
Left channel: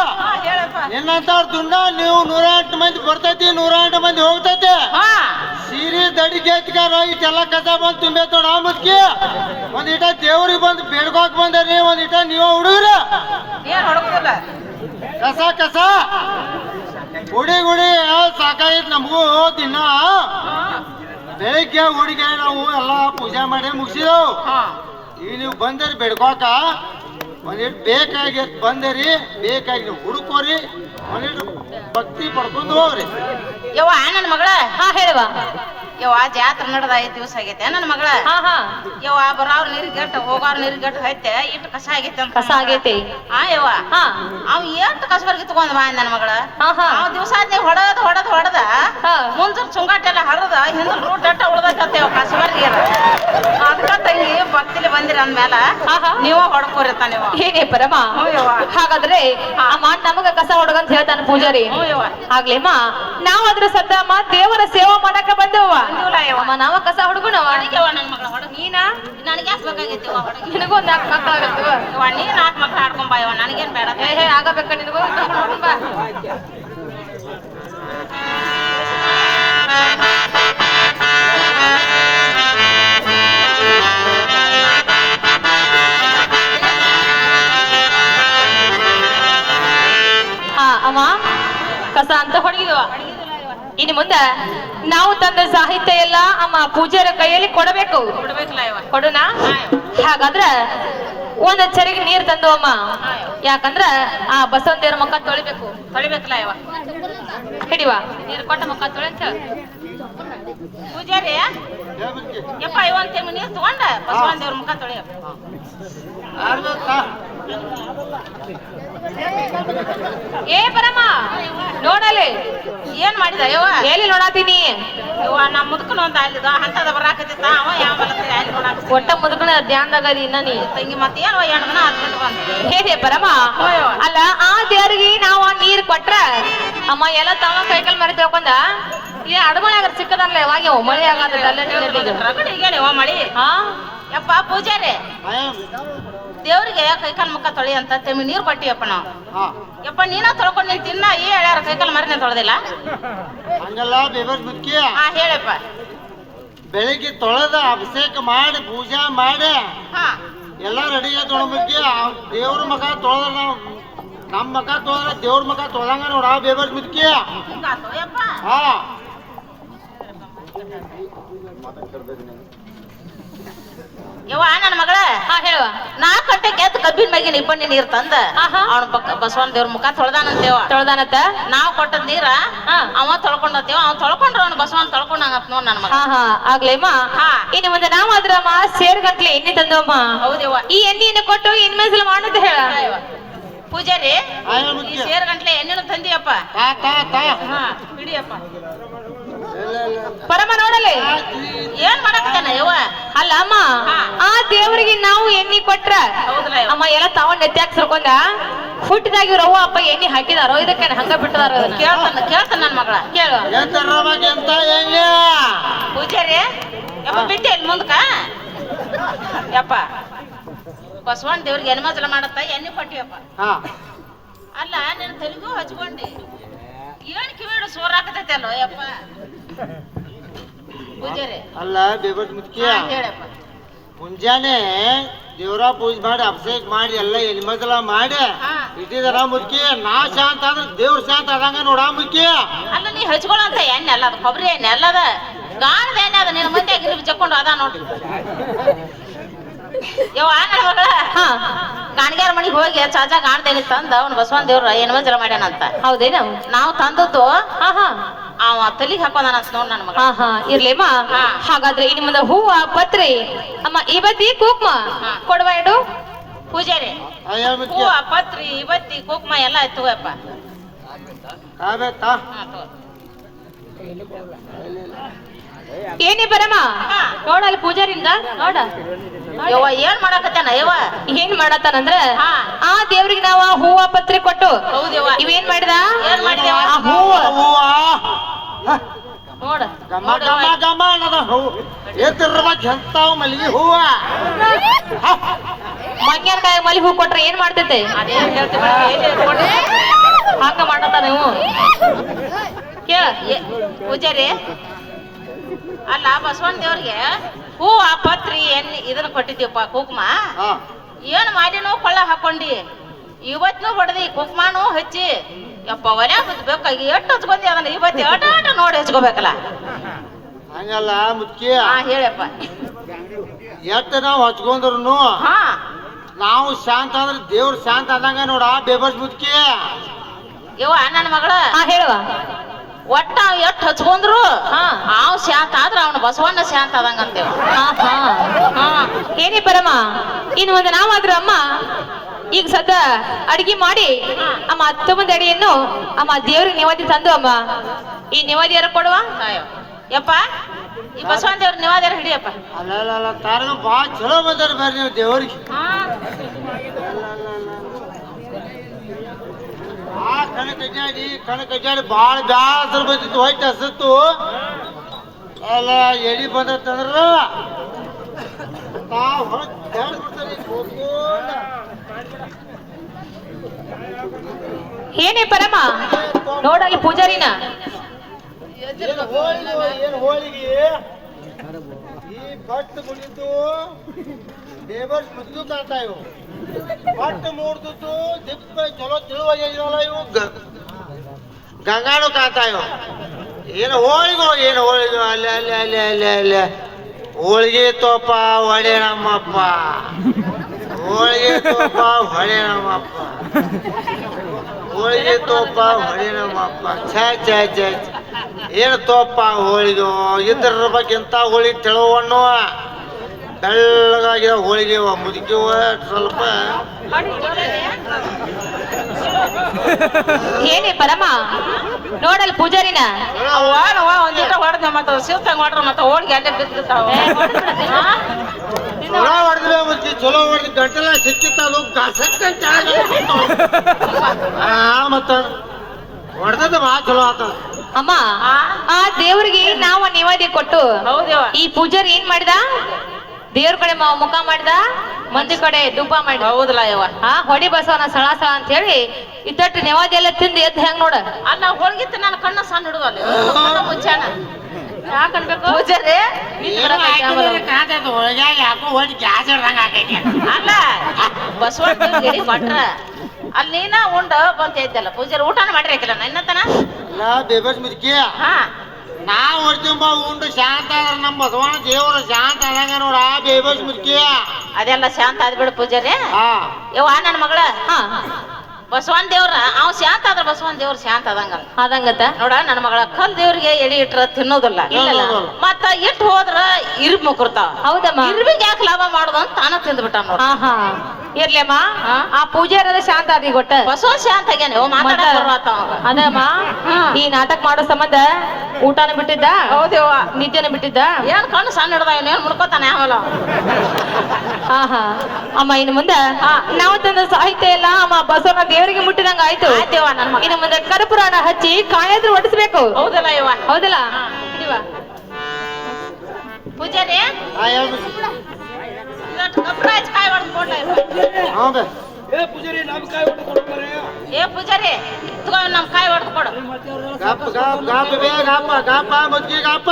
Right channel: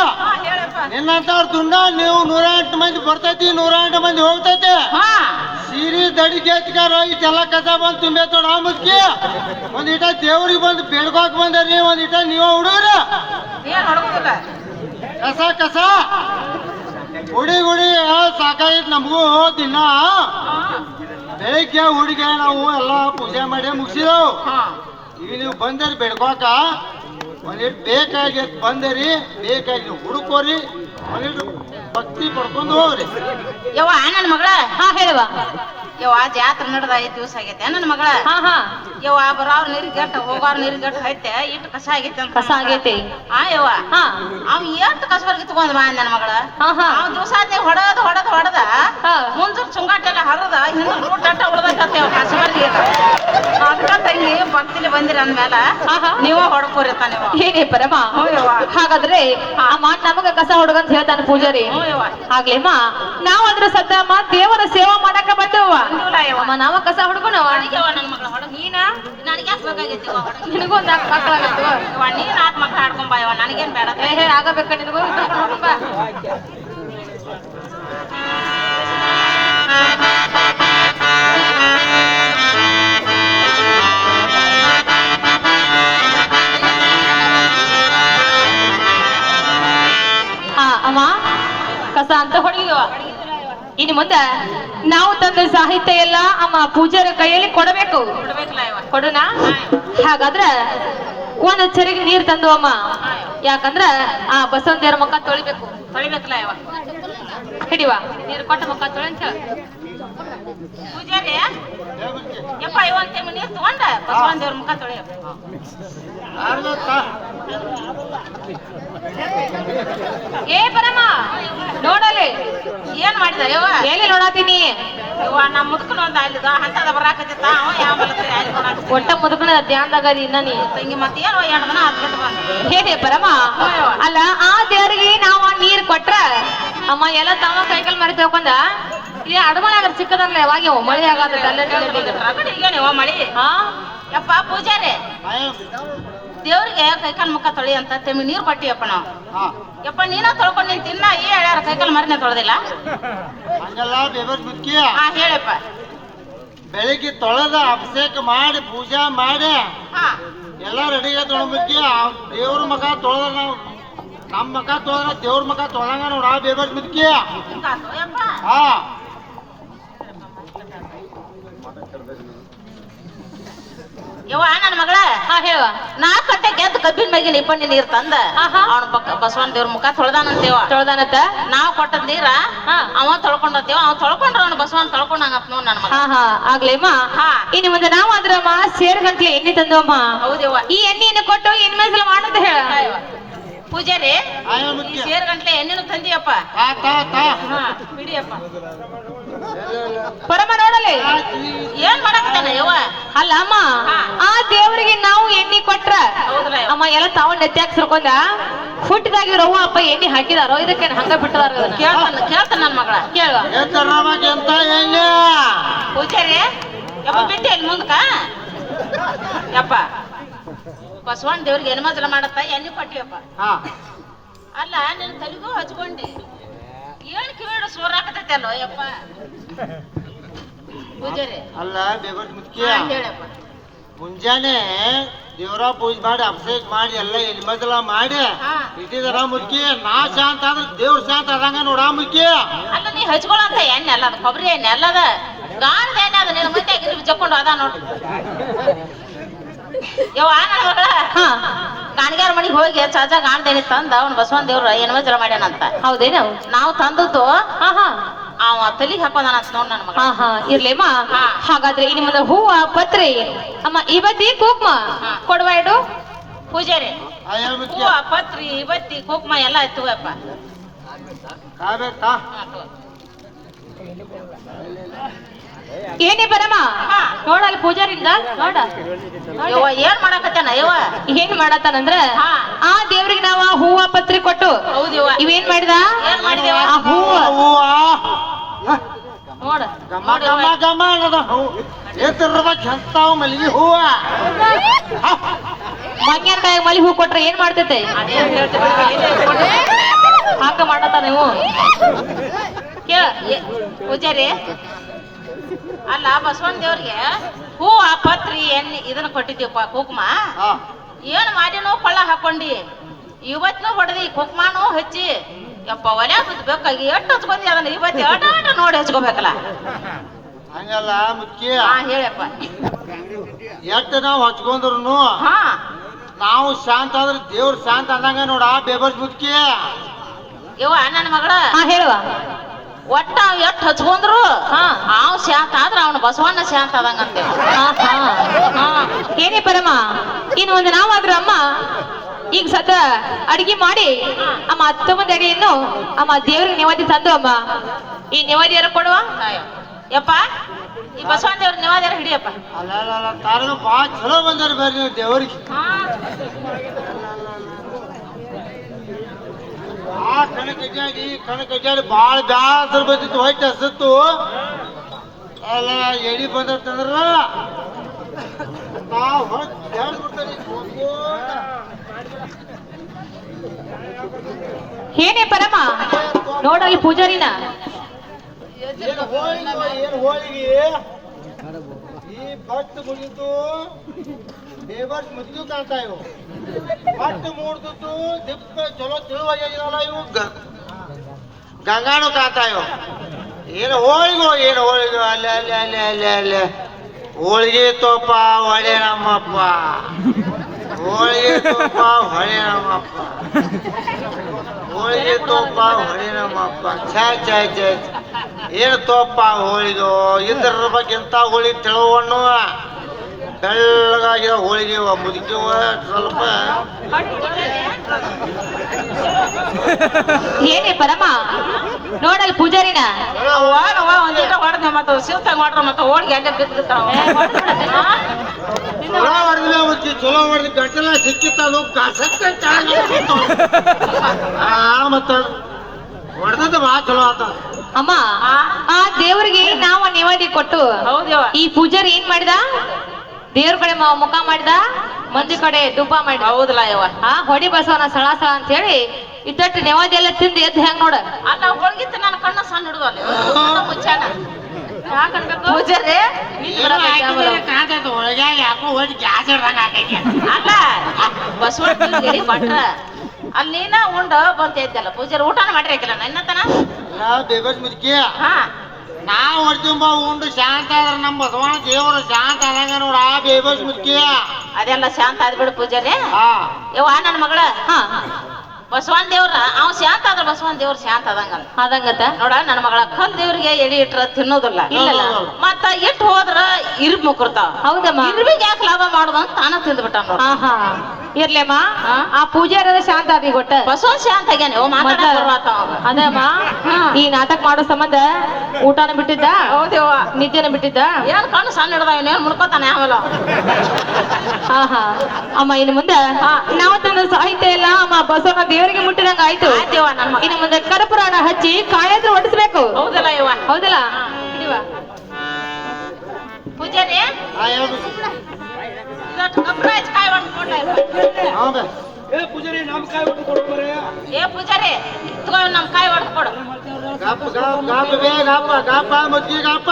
ಹೇಳಪ್ಪ ನಿನ್ನಂತವ್ರ ದುಂಡ ನೀವು 108 ಮಂದಿ ಬರ್ತೈತಿ 108 ಮಂದಿ ಹೋಗ್ತೈತಿ. ಹಾ ಸೀರೆ ದಡಿಗೆ ಎತ್ಕಾರ ಇಷ್ಟೆಲ್ಲ ಕಸ ಬಂದು ತುಂಬೈತೋಣ ಮುದ್ಕಿ. ಒಂದ್ ಇಟ ದೇವ್ರಿಗೆ ಬಂದು ಬೇಡ್ಕೋಕ್ ಬಂದ್ರಿ, ಒಂದ್ ಇಟ ನೀವ ಹುಡುಗ್ರ ಏನ್ ಹೊಡಗುದಿಲ್ಲ ಕಸ ಕಸ ಹುಡಿ ಹುಡಿ ಸಾಕಾಗಿತ್ ನಮಗೂ. ದಿನ ಬೆಳಿಗ್ಗೆ ಹುಡುಗಿ ನಾವು ಎಲ್ಲಾ ಪೂಜೆ ಮಾಡಿ ಮುಗಿಸಿದವು. ಹಾ ಈಗ ನೀವು ಬಂದಿರಿ ಬೇಡ್ಕೋಕ ಒಂದಿಟ್ಟು ಬೇಕಾಗೈತ್ ಬಂದಿರಿ, ಬೇಕಾಗಿ ಹುಡುಕೋರಿ, ಒಂದಿಟ್ಟು ಭಕ್ತಿ ಪಡ್ಕೊಂಡು ಹೋಗ್ರಿ. ಯವ್ವ ನನ್ನ ಮಗಳ ಹಾ ಹೇಳುವ. ಯವ್ವ ಜಾತ್ರೆ ನಡೆದ 5 ದಿವಸ ಆಗೈತೆ ನನ್ನ ಮಗಳ. ಹಾ ಹಾ ಯವ್ವ ಬರೋರ್ ನೀರ್ಗಟ್ಟ ಹೋಗೋರ್ ನೀರ್ಗಟ್ಟ ಐತೆ ಇಟ್ಟು ಕಸ ಆಗೈತೆ ಅಂತ ಕಸ ಆಗೈತಿ. ಹಾ ಯವ್ವ ಹಾ ಅವ್ ಎಷ್ಟು ಕಸಬರ್ಗಿ ತಗೊಂಡ್ ಬಾ ನನ್ನ ಮಗಳ. ಹಾ ಹಾ ಅವ್ ದಿವಸ ನೀವು ಹೊಡದ ಹಾ. ಮುಂಜಾನೆ ಚುಂಗಾಟ ಎಲ್ಲ ಹರಿದ ಹಿಂದೆ ರೂಟಾಟ ಉಳ್ದೈತೇವ್ ಕಸಬರ್ಗಿ ಅದಕ್ಕಂತ ನೀವು ಭಕ್ತಿಲಿ ಬಂದಿರ ಅಂದ್ಮೇಲ ಹಾ, ಹಾ. ನೀವು ಹೊಡ್ಕೋರಿತ ನೀವು. ಏನೇ ಪರಮ ಹಾಗಾದ್ರೆ ಅಮ್ಮ ನಮಗ ಕಸ ಹುಡುಗಂತ ಹೇಳ್ತಾನ ಪೂಜಾರಿ. ಹ್ಞೂ ಯವ್ವ ಆಗ್ಲೇಮ್ಮ ನಾವ್ ಅದ್ರ ಸದ್ದಮ್ಮ ದೇವರ ಸೇವಾ ಮಾಡಕ ಬಂದವ. ಬಂದಿಲ್ಲ ಯವ್ವ. ಅಮ್ಮ ನಾವ ಕಸ ಹುಡುಗನವ. ಹೊಡಿಗ್ಯವ್ವ ನನ್ನ ಮಗಳ ಹೊಡ ನೀನ ನನಗೆ ಯಾಕೆ ಬೇಕಾಗೈತಿ ಯವ್ವ ಹೊಡಗಿ? ನಿನಗೂ 4 ಮಕ್ಕಳಾಗತ್ತವ. ಯವ್ವ ನೀ 4 ಮಕ್ಳು ಆಡ್ಕೊಂಬ ಯವ್ವ ನನಗೇನ್ ಬೇಡ. ಹೇಳಿ ಆಗಬೇಕ ನಿನಗೂ ಕರ್ಕೊಂಡು ಬಾ. ಹಾ ಅಮ್ಮ ಕಸ ಅಂತ ಹೊಡೆಯುವ. ಇನ್ನು ಮುಂದೆ ನಾವು ತಂದ ಸಾಹಿತ್ಯ ಎಲ್ಲ ಅಮ್ಮ ಪೂಜಾರ ಕೈಯಲ್ಲಿ ಕೊಡಬೇಕು. ಕೊಡ್ಬೇಕಲ್ಲ ಯವ್ವ. ಕೊಡುನಾ? ಹಾಗಾದ್ರೆ ಒಂದ್ ಚರಿಗೆ ನೀರ್ ತಂದು ಅಮ್ಮ, ಯಾಕಂದ್ರ ಆ ಬಸವನ ದೇವ್ರ ಮುಖ ತೊಳಿಬೇಕು. ತೊಳಿಬೇಕಲ್ಲ ಯವ್ವ. ಹಿಡಿವ ನೀರು ಕೊಟ್ಟ ಮುಖ ತೊಳಿ ಅಂತ ಹೇಳಿ. ಪೂಜಾರಿ ಯಪ್ಪ ಇವತ್ತು ನೀರು ತಗೊಂಡ ಬಸವನ ದೇವ್ರ ಮುಖ ತೊಳಿಯಪ್ಪ. ಏ ಪರಮ ನೋಡಲಿ ಏನ್ ಮಾಡಿದ ಯವ್ವ? ಎಲ್ಲಿ ನೋಡಾತೀನಿ? ಯವ್ವ ನಮ್ಮ ಮುದುಕನ ಒಂದ್ ಅಲ್ಲಿದ ಹಂತದ ಬರಾಕತ್ತಿತ್ತ ಅವ ಯಾವ ಬಲತ್ರಿ ಅಲ್ಲಿ ನೋಡಾಕ ಒಟ್ಟ ಮುದುಕನ ಧ್ಯಾನದಾಗ ಇನ್ನ ನೀ ತಂಗಿ ಮತ್ತೆ ಏನೋ 2 ದಿನ ಹತ್ಬಿಟ್ಟು ಬಂದ. ಹೇ ಪರಮ ಅಲ್ಲ ಆ ದೇವರಿಗೆ ನಾವು ಆ ನೀರ್ ಕೊಟ್ರ ಅಮ್ಮ ಎಲ್ಲ ತಮ್ಮ ಕೈಕಲ್ ಮರಿ ತಗೊಂಡ ಇಲ್ಲಿ ಅಡಮಳೆ ಆಗ ಸಿಕ್ಕದಲ್ಲ ಯಾವಾಗ ಮಳೆ ಆಗದ ರಗಡಿಗೇನೆ ಯವ್ವ ಮಳಿ. ಹಾ ಯಪ್ಪ ಪೂಜಾರಿ ದೇವ್ರಿಗೆ ಕೈಕಾಲ್ ಮುಖ ತೊಳಿ ಅಂತ ತೆಮ್ಮಿ ನೀರು ಕೊಟ್ಟಿಯಪ್ಪ ನಾವು. ಯಪ್ಪ ನೀನ ತೊಳ್ಕೊಂಡ್ ನಿಂತಿಲ್ಲ ಈ ಹೇಳ್ಯಾರ ಕೈಕಾಲ್ ಮರಿನ ತೊಳೆದಿಲ್ಲ. ಹಂಗಲ್ಲ ಬೇಬರ್ ಮುದ್ಕಿ ಹಾ ಹೇಳಪ್ಪ. ಬೆಳಿಗ್ಗೆ ತೊಳೆದ ಅಭಿಷೇಕ ಮಾಡಿ ಪೂಜಾ ಮಾಡಿ ಹಾ ಎಲ್ಲ ರೆಡಿಗೆ ತೊಗೊಳಂಬಕ್ಕೆ ದೇವ್ರ ಮಗ ತೊಳೆದ ನಾವು ನಮ್ಮ ಮಗ ತೊಳೆದ ದೇವ್ರ ಮಗ ತೊಳೆದಂಗ ನೋಡ ಬೇಬರ್ ಮುದ್ಕಿ. ಹಿಂಗಾತು ಯಪ್ಪ. ಹಾ ಯವ್ವ ನನ್ನ ಮಗಳ ಹಾ ಹೇಳುವ. 4 ಗಂಟೆಗೆ ಎದ್ದು ಕಬ್ಬಿನ ಮ್ಯಾಗೆ ನಿಬ್ಬಣ್ಣಿ ನೀರ್ ತಂದ ಆಹಾ. ಅವನ ಪಕ್ಕ ಬಸವನ ದೇವ್ರ ಮುಖ ತೊಳ್ದಾನಂತೇವ. ತೊಳ್ದಾನತ್ತ? ನಾವ್ ಕೊಟ್ಟದ ನೀರ ಹಾ. ಅವ ತೊಳ್ಕೊಂಡತ್ತೇವ. ಅವ ತೊಳ್ಕೊಂಡ್ರ ಅವ್ನ ಬಸವನ್ ತೊಳ್ಕೊಂಡಂಗತ್ ನೋಡ್ ನನ್ನ ಮಗ. ಹಾ ಹಾ ಆಗ್ಲೇಮ್ಮ. ಹಾ. ಇನ್ನು ಮುಂದೆ ನಾವು ಅದ್ರಮ್ಮ ಸೇರ್ಗಂಟ್ಲೆ ಎಣ್ಣೆ ತಂದು ಅಮ್ಮ ಹೌದವ್ವ. ಈ ಎಣ್ಣೆಯನ್ನು ಕೊಟ್ಟು ಇನ್ಮೇಸಲು ಮಾಡಂತ ಹೇಳ. ಪೂಜಾರಿ ಆಯ ಈ ಮುದ್ಕಿ ಸೇರ್ ಗಂಟ್ಲೆ ಎಣ್ಣೆನು ತಂದಿಯಪ್ಪ. ತಾ ತಾ ತಾ ಹಾ ಬಿಡಿಯಪ್ಪ. ಪರಮ ನೋಡಲಿ ಏನ್ ಮಾಡಕತ್ತಾನ ಯವ್ವ? ಅಲ್ಲ ಅಮ್ಮ ಹಾ. ಆ ದೇವರಿಗೆ ನಾವು ಎಣ್ಣೆ ಕೊಟ್ರ ಹೌದ್ರ ಯವ್ವ. ಅಮ್ಮ ಎಲ್ಲ ತಗೊಂಡ್ ಎತ್ತಾಗ ಸರ್ಕೊಂಡ ಹುಟ್ಟಿದಾಗ ರವ್ವ ಅಪ್ಪ ಎಣ್ಣೆ ಹಾಕಿದಾರೋ ಇದಕ್ಕೆ ಹಂಗ ಬಿಟ್ಟದಾರ ಅದನ್ನ ಕೇಳ್ತಾನ ನನ್ ಮಗಳ. ಕೇಳುವ. ಎಂತ ನಮಗೆ ಎಂತ ಹೆಂಗೆ ಪೂಜಾರಿ ಯಪ್ಪ ಬಿಟ್ಟಿ ಅಲ್ಲಿ ಮುಂದಕ ಯಪ್ಪ ಬಸವನ್ ದೇವ್ರಿಗೆ ಹೆಣ್ಮಜಲ ಮಾಡತ್ತ ಎಣ್ಣೆ ಕೊಟ್ಟಿಯಪ್ಪ. ಹಾ ಅಲ್ಲ ನಿನ್ನ ತಲೆಗೂ ಹಚ್ಕೊಂಡಿ ಏನ್ ಕಿವಿಡು ಸೋರಾಕತೈತಿ ಅಲ್ಲೋ ಯಪ್ಪ ಪೂಜಾರಿ. ಅಲ್ಲ ಬೇಬರ್ ಮುದ್ಕಿ ಹಾ, ಹೇಳಪ್ಪ. ಮುಂಜಾನೆ ದೇವ್ರ ಪೂಜೆ ಮಾಡಿ ಅಭಿಷೇಕ ಮಾಡಿ ಎಲ್ಲ ಎಲ್ಮದಲ ಮಾಡಿ ಹಾ ಇದ್ದಿದಾರ ಮುದ್ಕಿ ನಾ ಶಾಂತ ಆದ್ರೆ ದೇವ್ರ ಶಾಂತ ಆದಂಗ ನೋಡ ಮುದ್ಕಿ. ಅಲ್ಲ ನೀ ಹಚ್ಕೊಳಂತ ಎಣ್ಣೆ ಅಲ್ಲ ಅದು ಕೊಬ್ಬರಿ ಎಣ್ಣೆ ಅಲ್ಲದ ಗಾಣದ ಎಣ್ಣೆ ಅದ ನಿನ್ನ ಮುಂದೆ ಜಕ್ಕೊಂಡು ಅದ ನೋಡ್ರಿ ಯವ್ವ ನನ್ನ ಮಗಳ ಹಾ ಗಾಣಿಗಾರ ಮನಿಗೆ ಹೋಗಿ ಚಾಚಾ ಗಾಣದ ಎಣ್ಣೆ ತಂದ ಅವ್ನು ಬಸವನ್ ದೇವ್ರ ಹೆಣ್ಮಜಲ ಮಾಡ್ಯಾನಂತ. ಹೌದೇನು? ನಾವು ತಂದದ್ದು ಹಾ ಹಾ ಅವ ತಲಿಗೆ ಹಾಕೋದಾನಂತ ನೋಡ್ ನನ್ನ ಮಗ. ಹಾ ಹಾ ಇರ್ಲೇಮ್ಮ. ಹಾ. ಹಾಗಾದ್ರೆ ಈ ನಿಮ್ಮದ ಹೂವ ಪತ್ರೆ ಅಮ್ಮ ಇವತ್ತಿ ಕುಕ್ಮ ಹಾ. ಕೊಡುವ ಇಡು. ಪೂಜಾರಿ ಅಯ್ಯ ಮುದ್ಕಿ ಹೂವ ಪತ್ರಿ ಇವತ್ತಿ ಕುಕ್ಮ ಎಲ್ಲ ತಗೋಯಪ್ಪ. ಕಾಬೇಕಾ ಏನೇ ಬರಮ್ಮ ಹಾ. ನೋಡಲ್ಲಿ ಪೂಜಾರಿಂದ ನೋಡ ಯವ್ವ ಏನ್ ಮಾಡಕತ್ತಾನ ಯವ್ವ? ಏನ್ ಮಾಡತ್ತಾನಂದ್ರ ಹಾ. ಆ ದೇವ್ರಿಗೆ ನಾವ ಹೂವ ಪತ್ರೆ ಕೊಟ್ಟು ಹೌದವ್ವ. ಇವೇನ್ ಮಾಡಿದ ಏನ್ ಮಾಡಿದೆವ? ಆ ಹೂವ ನೋಡ ಗಮ ಗಮ ಗಮ ಅನ್ನದ ಹೂ ಎತ್ತಿರ್ಬೇಕು ಎಂತಾವ ಮಲ್ಲಿಗೆ ಹೂವ. ಮಂಗ್ಯಾನ ಮಲಿ ಹೂ ಕೊಟ್ರೆ ಏನ್ ಮಾಡ್ತೈತೆ? ಅದೇ ಹೇಳ್ತಿ ಬಿಡು, ಏನ್ ಹೇಳ್ತಿ ಬಿಡು. ಹಾಕ ಮಾಡತ್ತಾನ ಇವು. ಪೂಜಾರಿ ಅಲ್ಲ ಬಸವನ್ ದೇವ್ರಿಗೆ ಹೂವ ಪತ್ರಿ ಎಣ್ಣೆ ಇದನ್ನ ಕೊಟ್ಟಿದ್ದೀವಪ್ಪ ಕುಕ್ಮ. ಹಾ. ಏನ್ ಮಾಡಿನೋ ಕೊಳ್ಳ ಹಾಕೊಂಡಿ ಇವತ್ನು ಹೊಡೆದಿ ಕುಕ್ಮಾನು ಹಚ್ಚಿ ಯಪ್ಪ ಒಲೆ ಹಚ್ಬೇಕಾಗಿ ಎಷ್ಟು ಹಚ್ಕೊಂಡಿ ಅದನ್ನ ಇವತ್ತು ಆಟ ನೋಡಿ ಹಚ್ಕೋಬೇಕಲ್ಲ. ಹಂಗಲ್ಲ ಮುದ್ಕಿ ಹಾ ಹೇಳಪ್ಪ. ಎಟ್ಟು ನಾವು ಹಚ್ಕೊಂಡ್ರು ಹಾ ನಾವು ಶಾಂತ ಆದ್ರೆ ದೇವ್ರ ಶಾಂತ ಆದಂಗ ನೋಡ ಬೇಬರ್ಸ್ ಮುದ್ಕಿ. ಇವ ನನ್ನ ಮಗಳ ಹಾ ಹೇಳುವ. ಒಟ್ಟ ಎಷ್ಟ್ ಹಚ್ಕೊಂಡ್ರು ಹಾ. ಅವ್ ಶಾಂತ ಆದ್ರ ಅವ್ನ ಬಸವಣ್ಣ ಶಾಂತ ಆದಂಗ ಅಂತೇವ್. ಏನೇ ಪರಮ ಇನ್ನು ಒಂದು ನಾವಾದ್ರೂ ಅಮ್ಮ ಈಗ ಸದ್ದ ಅಡಿಗೆ ಮಾಡಿ ಅಮ್ಮ ಹತ್ತೊಂಬತ್ತು ಅಡಿಯನ್ನು ಅಮ್ಮ ದೇವ್ರಿಗೆ ನಿವಾದಿ ತಂದು ಅಮ್ಮ ಈ ನಿವಾದಿಯರು ಕೊಡುವ. ಯಪ್ಪ ಈ ಬಸವಣ್ಣ ದೇವ್ರ ನಿವಾದ್ಯಾರ ಹಿಡಿಯಪ್ಪ. ಅಲ್ಲ ಕಾರಣ ಬಾ ಚಲೋ ಬಂದಾರ ಬರ್ರಿ ನೀವು ದೇವ್ರಿಗೆ. ಆ ಕಣಕಜಾಡಿ ಬಾಳ ಬ್ಯಾಸರ ಬಂದಿತ್ತು ಹೊಟ್ಟೆ ಹಸತ್ತು ಎಲ್ಲ ಎಡಿ ಬಂದತ್ತಂದ್ರ ಏನೇ ಪರಮ ನೋಡಲ್ಲಿ ಪೂಜಾರಿನ ಏನ್ ಹೋಳಿಗೆ ಈ ಬಟ್ ಮುಗಿತು ದೇವರ್ ಮುದ್ದು ಕಾಣ್ತಾ ಇವು ಬಟ್ ಮೂಡ್ದು ದಿಪ್ಪ ಚಲೋ ತಿಳುವಾಗಿಲ್ಲ ಇವು ಗಂಗಾನು ಕಾಣ್ತಾ ಇವು. ಏನು ಹೋಳಿಗೆ ಅಲ್ಲಿ ಹೋಳಿಗೆ ತೋಪ ಹೊಳೆ ನಮ್ಮಪ್ಪ ಹೋಳಿಗೆ ತೋಪ ಹೊಳೆ ನಮ್ಮಪ್ಪ ಹೋಳಿಗೆ ತೋಪ ಹೊಳೆ ನಮ್ಮಪ್ಪ ಛೇ ಏನು ತೋಪ ಹೋಳಿಗೆ ಇದ್ರ ಬಗ್ಗೆ ಎಂತ ಹೋಳಿಗೆ ತೆಳುವನ್ನು ಬೆಳ್ಳಗಾಗಿರೋ ಹೋಳಿಗೆ ಮುದುಕಿ ಸ್ವಲ್ಪ ಏನೇ ಪರಮ ನೋಡಲ್ಲಿ ಪೂಜಾರಿನ ಒಂದಿಟ ಹೊಡೆದ ಮತ್ತ ಸಿಲ್ತಾಗ ಮಾಡ್ರ ಮತ್ತ ಹೋಳಿಗೆ ಅಲ್ಲೇ ಬಿದ್ದಿರ್ತಾವ. ಚಲೋ ಹೊಡೆದ್ರೆ ಮುದುಕಿ ಚಲೋ ಹೊಡೆದು ಗಂಟೆಲ್ಲ ಸಿಕ್ಕಿತ್ತದು ಮತ್ತ ಹೊಡೆದ ಬಾ ಚಲೋ ಆತ. ಅಮ್ಮ ಆ ದೇವ್ರಿಗೆ ನಾವು ನಿವಾದಿ ಕೊಟ್ಟು ಹೌದೇವ. ಈ ಪೂಜಾರಿ ಏನ್ ಮಾಡಿದ ದೇವ್ರ ಕಡೆ ಮುಖ ಮಾಡಿದ ಮಂದಿ ಕಡೆ ದುಬ್ಬ ಮಾಡಿದ. ಹೌದಲ್ಲ ಯವ್ವ. ಹೊಡಿ ಬಸವನ ಸಳ ಅಂತ ಹೇಳಿ ಇದ್ದಟ್ಟು ನೆವಾದಿ ಎಲ್ಲ ತಿಂದು ಎದ್ದು ಹೆಂಗ್ ನೋಡ. ಅಲ್ಲ ಹೋಳ್ಗಿತ್ತು ನನ್ನ ಕಣ್ಣ ಸಣ್ಣ ಹಿಡಿದ ಮುಚ್ಚಾಣ ಯಾಕನ್ಬೇಕು ಪೂಜಾರಿ ಅಲ್ಲ ಬಸವಣ್ಣ ಕೊಟ್ರ ಅಲ್ಲಿ ನೀನ ಉಂಡ ಬಂತ ಇದ್ದಲ್ಲ ಪೂಜಾರಿ ಊಟನ ಮಾಡಿರಕಿಲ್ಲ ನಿನ್ನತನ. ಬೇಬಸ್ ಮುದುಕಿ ಹಾ ನಾ ಹೊಡ್ತಿಂಬ ಉಂಡು ಶಾಂತ ಆದ್ರೆ ನಮ್ಮ ಬಸವಣ್ಣ ದೇವ್ರ ಶಾಂತ ಆದಂಗ ನೋಡ ಬೇಬಸ್ ಮುದುಕಿ. ಅದೆಲ್ಲ ಶಾಂತ ಆದ್ಬಿಡು ಪೂಜಾರಿ. ಹಾ ಯವ್ವ ನನ್ನ ಮಗಳ ಬಸವನ್ ದೇವ್ರ ಅವ್ ಶಾಂತ ಆದ್ರ ಬಸವನ್ ದೇವ್ರ ಶಾಂತ ಆದಂಗ ಆದಂಗತ್ತ ನೋಡ ನನ್ನ ಮಗಳ ಕಲ್ ದೇವ್ರಿಗೆ ಎಡಿ ಇಟ್ರ ತಿನ್ನೋದಿಲ್ಲ ಮತ್ತ ಇಟ್ಟು ಹೋದ್ರ ಇರ್ಬ್ ಮುಕ್ಕರ್ತಾವ. ಹೌದಮ್ಮ. ಇರ್ಬಿಗೆ ಯಾಕೆ ಲಾಭ ಮಾಡುದು ಅಂತ ತಾನ ತಿಂದ್ಬಿಟ್ಟ ಇರ್ಲೇಮ್ಮ ಆ ಪೂಜಾರದ ಶಾಂತ ಆದಿ ಗೊತ್ತ ಬಸವನ್ ಶಾಂತ ಆಗ್ಯಾನ ಅದಮ್ಮ ಈ ನಾಟಕ ಮಾಡೋ ಸಂಬಂಧ ಊಟನ ಬಿಟ್ಟಿದ್ದ. ಹೌದೇವ. ನಿದ್ದೆನ ಬಿಟ್ಟಿದ್ದ. ಏನ್ ಕಣ್ಣು ಸಣ್ಣ ಹಿಡ್ದ ಏನ್ ಮುಳ್ಕೋತಾನೆ ಆಮೇಲೆ. ಅಮ್ಮ ಇನ್ನು ಮುಂದೆ ನಾವು ತನ್ನ ಸಾಹಿತ್ಯ ಎಲ್ಲ ಅಮ್ಮ ಬಸವನ ದೇವರಿಗೆ ಮುಟ್ಟಿದಂಗ ಆಯ್ತು. ಆಯ್ತೇವ ನನ್ನ ಇನ್ನು ಮುಂದೆ ಕರ್ಪೂರನ ಹಚ್ಚಿ ಕಾಯದ್ರು ಹೊಡಿಸ್ಬೇಕು. ಹೌದಲ್ಲ ಯವ್ವ. ಹೌದಲ್ಲ ಪೂಜಾರಿ ಪೂಜಾರಿ ನಮ್ ಕಾಯಿ ಹೊಟ್ಟು ಕೊಡ್ತಾರೆ. ಏ ಪೂಜಾರಿ ತಗೋ ನಮ್ ಕಾಯಿ ಹೊಡೆದು ಕೊಡು. ಗಪ್ಪ ಮುದ್ಕಿ ಗಪ್ಪ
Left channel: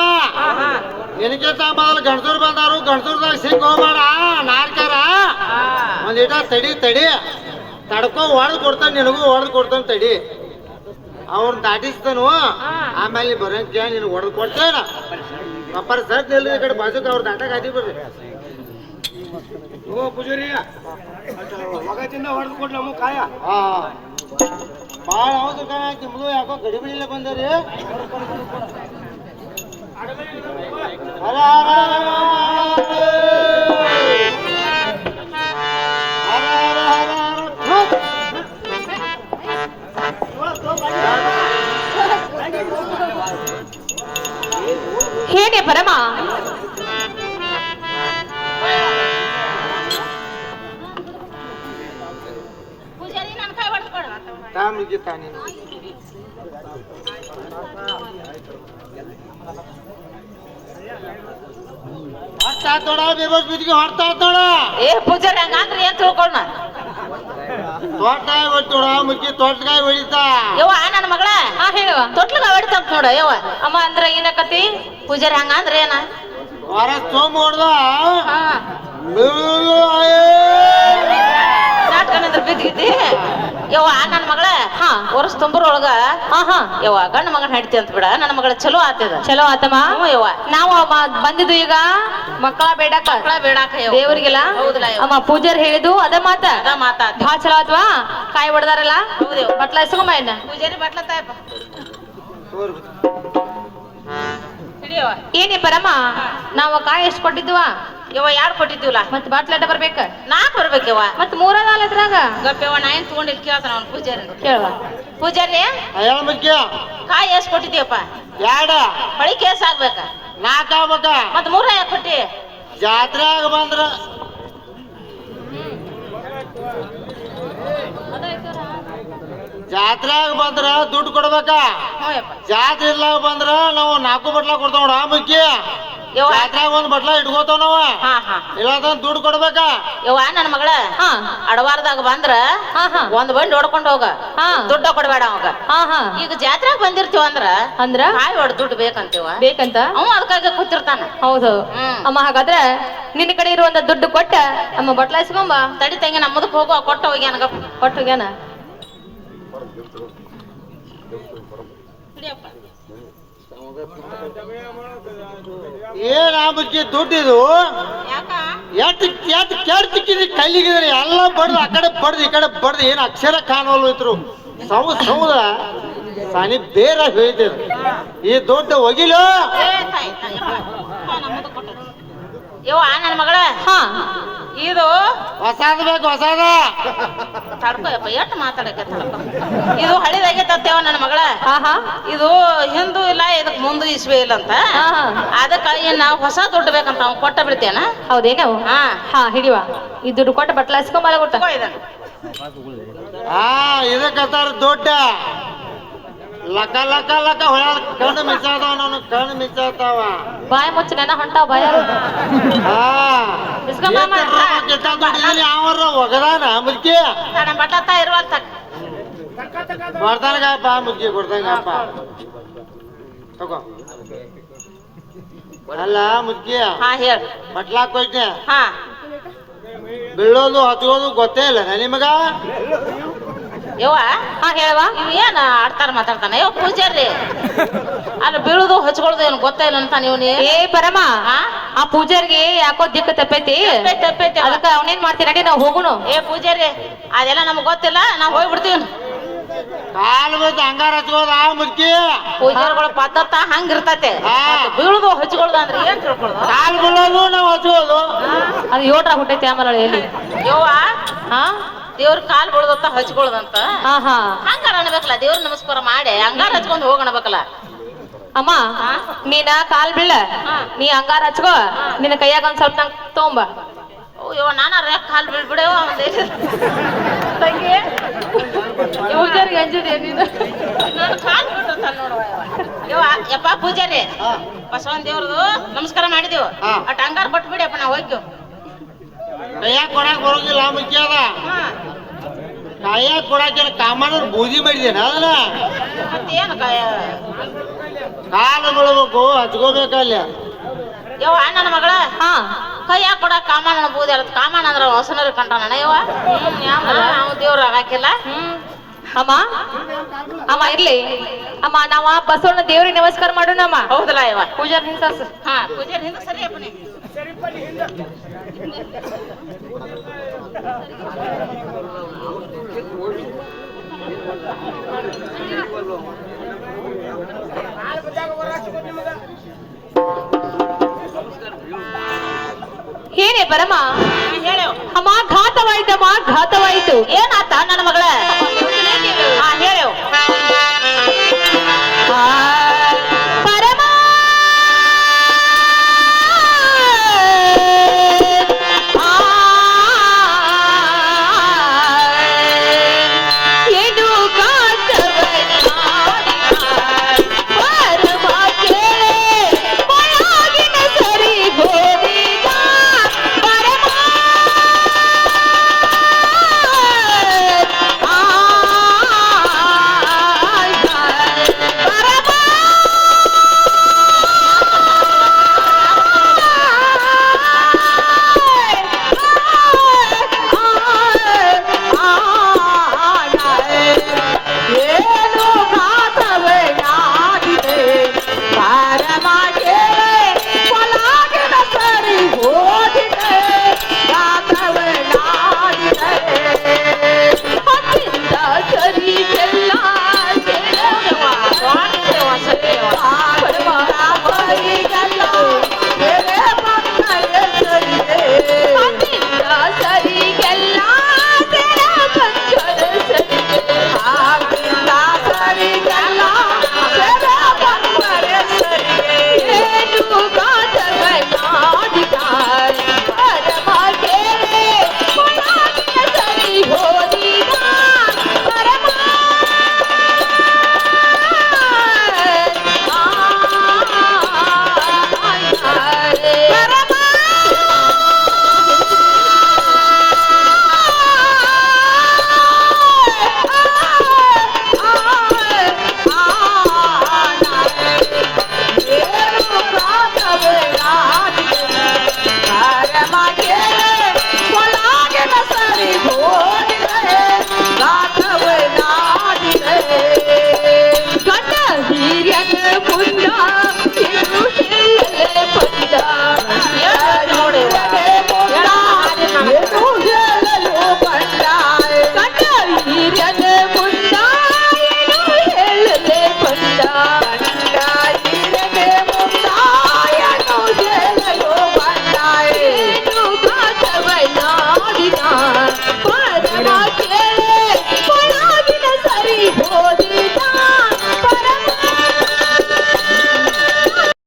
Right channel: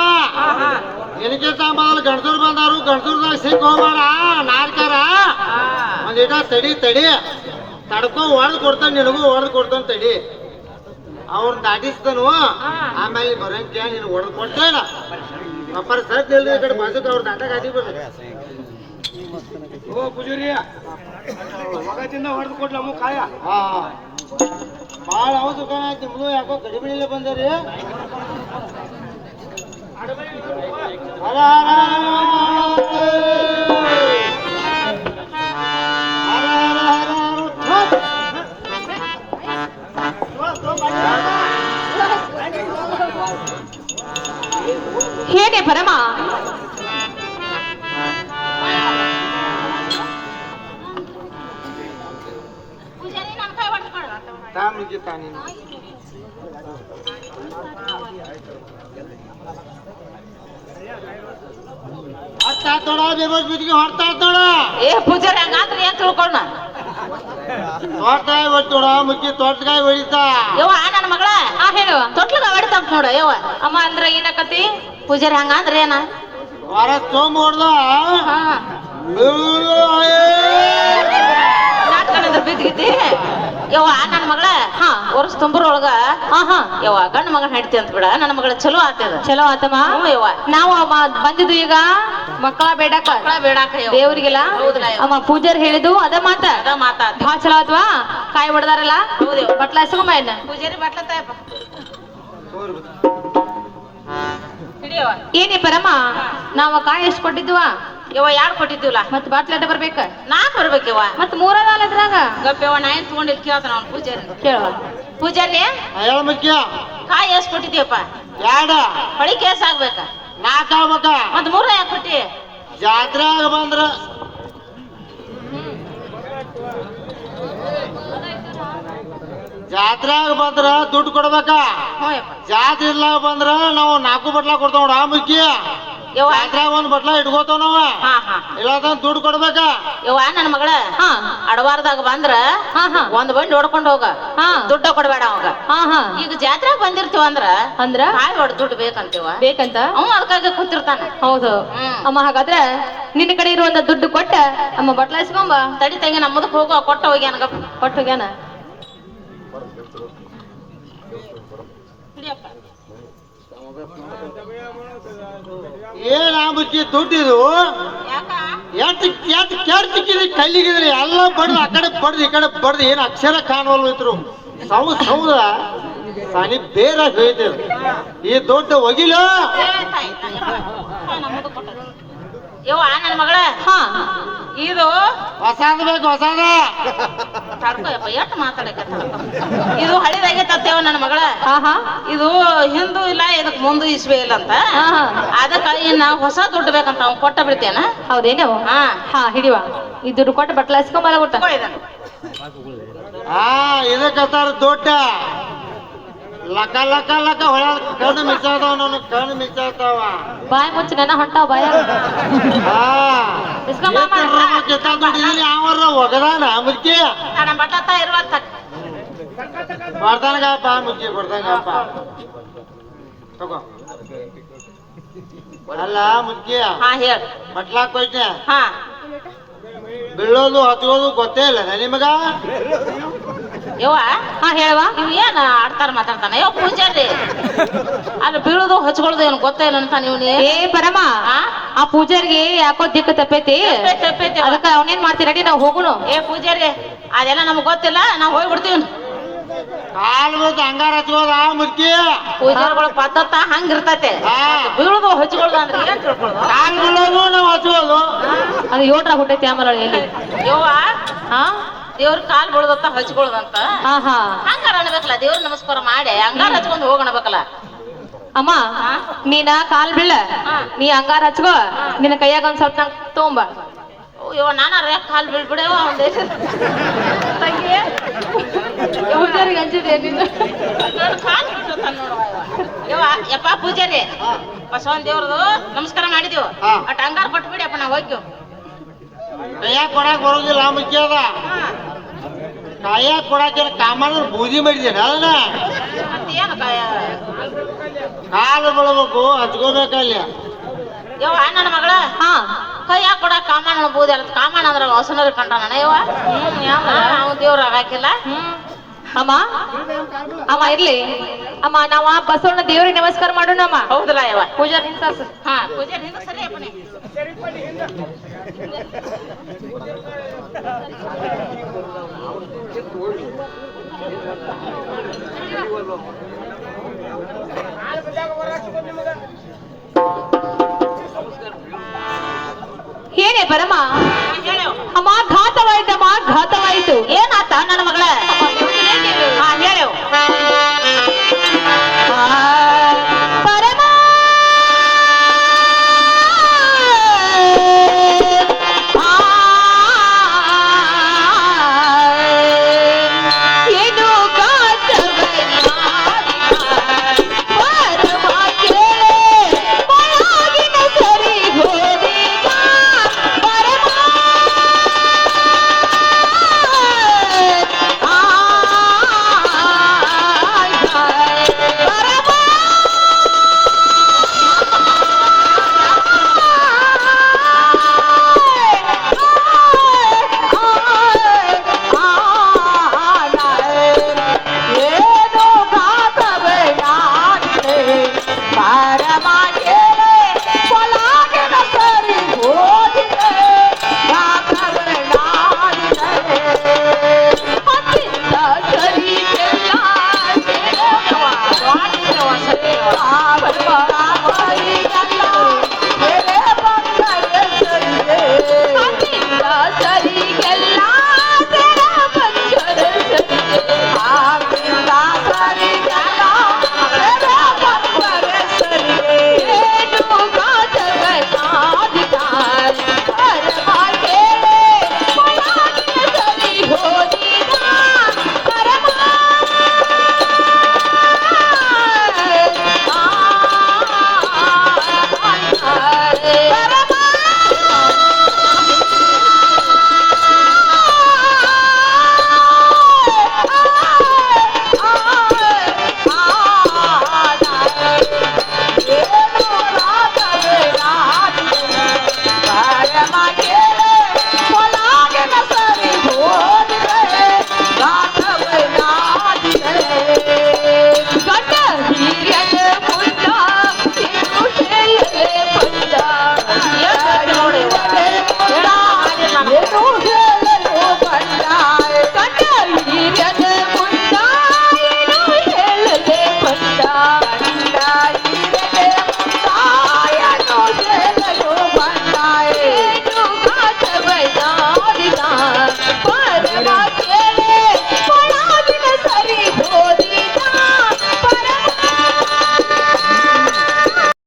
ಏನಕ್ಕಿಂತ ಮೊದಲು ಗಂಡಸೂರ್ ಬಂದಾರು ಗಂಡಸೂರ್ದಾಗ ಸಿಕ್ ಹೋಗ್ಬೇಡ ನಾರ್ಕಾರ ಒಂದಿಟ ತಡಿ ತಡ್ಕೊ ಹೊಡೆದ್ ಕೊಡ್ತಾನ, ನಿನಗೂ ಹೊಡೆದ್ ಕೊಡ್ತಾನ ತಡಿ. ಅವ್ನ ದಾಟಿಸ್ತಾನು, ಆಮೇಲೆ ಬರೋಂಕ ನೀನು ಹೊಡೆದ್ ಕೊಡ್ತಾನ. ಅಪ್ಪರ ಸಟ್ ನಿಲ್ದ ಈ ಕಡೆ ಬಾಜುಕ್ ಅವ್ರ ದಾಟ ಹಾಕಿಬಿಡ್ರಿ. ಓ ಪೂಜಾರಿ ಮಗದಿಂದ ಹೊಡೆದು ಕೊಡ್ಲ ಅಮ್ಮ ಕಾಯ. ಹಾ ಭಾಳ ಹೌದು ಕಣ, ನಿಮ್ದು ಯಾಕೋ ಕಡಿಮೆ ಇಲ್ಲ ಬಂದರಿ. ಹರ ಹರ ಹೇಗೆ ಪರಮ ಪೂಜಾರಿ ನನ್ನ ಕೈ ಹೊಡೆದು ಕೊಡು. ತಾಮಿಗೆ ತಾನಿ ಹೊಡ್ತಾ ತೋಡ, ಬೇಬಸ್ ಬಿದ್ದಿಗೆ ಹೊಡ್ತಾ ತೋಡ. ಏ ಪೂಜಾರಿ ಹಂಗಂದ್ರೆ ಏನ್ ತಿಳ್ಕೊಂಡ? ತೋಟಕಾಯಿ ಹೊಟ್ಟೋಡ, ಮುಕ್ಕಿ ತೋಟಕಾಯಿ ಹೊಡಿತಾ. ಯವ್ವ ನನ್ನ ಮಗಳ ಹೇಳುವ ತೊಟ್ಲಗ ಹೊಡಿತಾಂತ ನೋಡ. ಯವ್ವ ಅಮ್ಮ ಅಂದ್ರ ಏನಕತಿ? ಪೂಜಾರಿ ಹಂಗಂದ್ರೆ ಏನ? ಹೊರ ಸೋಮ ಹೊಡ್ದ ಹಾ ಬಿದ್ದಿದ್ದಿ. ಯವ್ವ ನನ್ನ ಮಗಳ ವರ್ಷ ತುಂಬರೊಳಗ ಯವ್ವ ಗಂಡ ಮಗನ ಹಡ್ತಿ ಅಂತ ಬಿಡ. ನನ್ನ ಮಗಳ ಚಲೋ ಆತದ. ಚಲೋ ಆತಮ್ಮ. ಯವ್ವ ನಾವು ಬಂದಿದ್ದು ಈಗ ಮಕ್ಕಳ ಬೇಡಕ ಬೇಡಾಕ ದೇವ್ರಿಗೆಲ್ಲ. ಹೌದಲ್ಲ ಯವ್ವ. ಅಮ್ಮ ಪೂಜಾರಿ ಹೇಳಿದ್ದು ಅದ ಮಾತ ಅದ ಮಾತಾತ. ಭಾಳ ಚಲೋ ಆತ್ವಾ. ಕಾಯಿ ಹೊಡೆದಾರಲ್ಲ ಹೌದೇವ. ಬಟ್ಲ ಎಸ್ಕೊಂಬ ಎನ್ನ ಪೂಜಾರಿ ಬಟ್ಲತ್ತಾಯಪ್ಪ ಹಿಡಿಯವ. ಏನೇ ಪರಮ, ನಾವು ಕಾಯಿ ಎಷ್ಟು ಕೊಟ್ಟಿದ್ವ? ಯವ್ವ ಯಾರು ಕೊಟ್ಟಿದ್ದೀವಲ್ಲ? ಮತ್ ಬಾಟ್ಲಾಟ ಬರ್ಬೇಕ. 4 ಬರ್ಬೇಕವ್ವ. ಮತ್ 3-4 ಗಪ್ಪವ್ವ ನಾ ಏನ್ ತಗೊಂಡಿದ್ ಕೇಳ್ತಾನ ಅವ್ನು ಪೂಜಾರಿ. ಕೇಳುವ. ಪೂಜಾರಿ ಹೇಳ ಮುಖ್ಯ. ಕಾಯಿ ಎಷ್ಟ್ ಕೊಟ್ಟಿದ್ದೀವಪ್ಪ? 2 ಬಳಿ ಕೇಸ್ ಆಗ್ಬೇಕ. 4 ಆಗ್ಬೇಕ. ಮತ್ 3 ಯಾಕೆ ಕೊಟ್ಟಿ? ಜಾತ್ರೆಯಾಗ ಬಂದ್ರ ದುಡ್ಡು ಕೊಡ್ಬೇಕ. ಹ್ಞೂ ಯಪ್ಪ. ಜಾತ್ರೆ ಇರ್ಲಾಗ ಬಂದ್ರ ನಾವು 4 ಬಟ್ಲ ಕೊಡ್ತಾವ ನೋಡ. ಆ ಮುಖ್ಯ ಯವ್ವ ಜಾತ್ರೆಯಾಗ ಒಂದ್ ಬಟ್ಲ ಇಟ್ಕೋತಾವ ನಾವ. ಹಾ ಹಾ ಇಲ್ಲ ದುಡ್ಡು ಕೊಡ್ಬೇಕ. ಯವ್ವ ನನ್ನ ಮಗಳ ಅಡವಾರದಾಗ ಬಂದ್ರ ಒಂದ್ ಬಂಡಿ ಹೊಡ್ಕೊಂಡ್ ಹೋಗ. ದುಡ್ಡ ಕೊಡ್ಬೇಡ ಅವಾಗ. ಈಗ ಜಾತ್ರೆಗ್ ಬಂದಿರ್ತೀವ ಅಂದ್ರ ಕಾಯಿ ಹೊಡ್ ದುಡ್ಡು ಬೇಕಂತೀವ. ಬೇಕಂತ ಅವ ಅದಕ್ಕಾಗ ಕೂತಿರ್ತಾನ. ಹೌದು ಅಮ್ಮ. ಹಾಗಾದ್ರೆ ನಿನ್ನ ಕಡೆ ಇರುವಂತ ದುಡ್ಡು ಕೊಟ್ಟ ನಮ್ಮ ಬಟ್ಲ ಎಸ್ಕೊಂಬ. ತಡಿ ತಂಗಿ ನಮ್ಮ ಮುದಕ್ ಹೋಗುವ ಕೊಟ್ಟ ಹೋಗಿ ನನಗ ಕೊಟ್ಟೋಗ್ಯಾನ. ಏನ್ ಮುಚ್ಚಿ ದುಡ್ಡಿದು ಎಟ್ ಕೆಡ್ತಿಕ್ಕಿದ್ರಿ ಕಲ್ಲಿಗಿದ್ರಿ ಎಲ್ಲ ಬಡ್ದು ಆ ಕಡೆ ಬಡ್ದು ಈ ಕಡೆ ಬಡ್ದು ಏನ್ ಅಕ್ಷರ ಕಾಣವಲ್ಲು. ಸೌದ ಸಾನಿ ಬೇರೆ ಹೋಯ್ತೇವೆ. ಈ ದುಡ್ಡು ಒಗಿಲು. ಯವ್ವ ನನ್ನ ಮಗಳ ಇದು ಹೊಸಾದ ಬೇಕು, ಹೊಸಾದ. ತಡ್ಕೋಯಪ್ಪ ಎಷ್ಟು ಮಾತಾಡಕತ್ತಲ್ಲಪ್ಪ. ಇದು ಹಳಿದಾಗೈತತ್ತೇವ ನನ್ನ ಮಗಳ. ಇದು ಹಿಂದೂ ಇಲ್ಲ, ಇದಕ್ ಮುಂದೆ ಇಸ್ವೆ ಇಲ್ಲ ಅಂತ. ಅದಕ್ಕ ನಾವು ಹೊಸ ದುಡ್ಡು ಬೇಕಂತ ಅವ್ ಕೊಟ್ಟ ಬಿಡ್ತೇನ. ಹೌದೇನವು? ಹಿಡಿವ. ಈ ದುಡ್ಡು ಕೊಟ್ಟ ಬಟ್ಲ ಎಸ್ಕೊಂಬ. ಇದಕ್ಕತ್ತಾರ ದೊಡ್ಡ ಲಕ ಲಕ ಲಕ ಹೊಳ ಕಣ್ಣು ಮಿಸಾದವ. ಕಣ್ಣು ಮಿಸಾತಾವ. ಬಾಯ ಮುಚ್ಚ ನೆನ ಹೊಂಟಾವ ಬಾಯ. ಯಾವ ಒಗದಾನ ಮುದ್ಕಿ ಬಟ್ಲತ್ತ ಇರುವಂತ ಕೊಡ್ತಾನಗಪ್ಪ. ಮುದ್ಕಿ ಕೊಡ್ತಾನಗಪ್ಪ. ತಗೋ. ಅಲ್ಲ ಮುದ್ಕಿ ಹೇಳ ಬಟ್ಲಾಕ್ ಕೊಟ್ಟೆ. ಬೀಳೋದು ಹತ್ತೋದು ಗೊತ್ತೇ ಇಲ್ಲ ನಿಮಗ? ಯವ್ವ ಹೇಳುವ. ಇವ್ ಏನ್ ಆಡ್ತಾರ ಮಾತಾಡ್ತಾನ? ಯವ್ ಪೂಜಾರಿ ಅಲ್ಲಿ ಬೀಳುದು ಹಚ್ಕೊಳ್ಳೋದು ಏನ್ ಗೊತ್ತೇನ ಅಂತ ನೀವು? ಏ ಪರಮ, ಆ ಪೂಜಾರಿಗೆ ಯಾಕೋ ದಿಕ್ಕ ತಪ್ಪೈತಿ. ಅದಕ್ಕ ಅವನೇನ್ ಮಾಡ್ತೀರಿ? ರೆಡಿ ನಾವು ಹೋಗುನು. ಏ ಪೂಜಾರಿ ಅದೆಲ್ಲ ನಮ್ಗ್ ಗೊತ್ತಿಲ್ಲ, ನಾವ್ ಹೋಗ್ಬಿಡ್ತೀವಿ. ಕಾಲ್ ಬಿದ್ದು ಹಂಗಾರ ಹಚ್ಚೋದ ಮುದ್ಕಿ. ಪೂಜಾರಿಗಳು ಪದ್ಧತ ಹಂಗಿರ್ತತೆ. ಬೀಳುದು ಹಚ್ಕೊಳ್ಳೋದು ಅಂದ್ರೆ ಏನ್ ತಿಳ್ಕೊಳ್ಳೋದು? ಕಾಲ್ ಬೀಳೋದು ನಾವು ಹಚ್ಚೋದು. ಅದು 7 ಹುಟ್ಟೈತಿ ಆಮೇಲೆ ಎಲ್ಲಿ. ಯವ್ವ ದೇವ್ರ ಕಾಲ್ ಬೀಳದತ್ತ ಹಚ್ಕೊಳ್ಳೋದಂತ ಹಂಗಾರ ಅನ್ಬೇಕಲ್ಲ. ದೇವ್ರ ನಮಸ್ಕಾರ ಮಾಡಿ ಹಂಗಾರ ಹಚ್ಕೊಂಡ್ ಹೋಗಣಬೇಕಲ್ಲ. ಅಮ್ಮ ನೀನ ಕಾಲ್ ಬೀಳ, ನೀ ಹಂಗಾರ ಹಚ್ಕೋ. ನಿನ್ನ ಕೈಯಾಗ ಒಂದ್ ಸ್ವಲ್ಪ ತಗೊಂಬ. ಯವ್ವ ನಾನಾರ ಕಾಲ್ ಬೀಳ್ಬಿಡವ ಒಂದೇ ಕಾಲ್ ಬಿಟ್ಟಿರ್ತಾನ ನೋಡುವ. ಯವ್ವ ಯಪ್ಪ ಪೂಜಾರಿ ಬಸವನ್ ದೇವ್ರದು ನಮಸ್ಕಾರ ಮಾಡಿದೀವಿ. ಅಟ್ ಹಂಗಾರ ಕೊಟ್ಬಿಡಿಯಪ್ಪ ನಾವು ಹೋಗ್ತೀವಿ. ಕೈಯಾಗ ಕೊಡಾಕ್ ಬರೋದಿಲ್ಲ ಮುಖ್ಯ ಅದ. ಕಾಯಾಗ ಕೊಡಾಕ ಕಾಮಣ್ಣವ್ರು ಬೂದಿ ಮಾಡಿದೇನ ಅದನ್ನ. ಏನು ಕಾಲು ಬೀಳ್ಬೇಕು, ಹಚ್ಕೋಬೇಕಲ್ಲಿ. ಯವ್ವ ನನ್ನ ಮಗಳ ಕೈಯಾಗ ಕೊಡ ಕಾಮಣ್ಣ ಅನ್ಬೋದು ಕಾಮಣ್ಣ ಅಂದ್ರ ಹೊಸನರ ಕಂಡ ನಡೆಯವ ನಾವು ದೇವ್ರ ಹಾಕಿಲ್ಲ ಅಮ್ಮ ಅಮ್ಮ ಇರ್ಲಿ ಅಮ್ಮ ನಾವ ಬಸವಣ್ಣ ದೇವ್ರಿಗೆ ನಮಸ್ಕಾರ ಮಾಡೋಣ ಅಮ್ಮ. ಹೌದಲ್ಲ ಯವ ಪೂಜಾರ್ ನಿಂತ ಹಾ ಪೂಜೆ ಹಿಂದ ಸರಿ ಅಪ್ಪನಿ ಏನೇ ಪರಮ ಹೇಳವ ಅಮ್ಮ ಘಾತವಾಯ್ತಮ್ಮ ಘಾತವಾಯ್ತು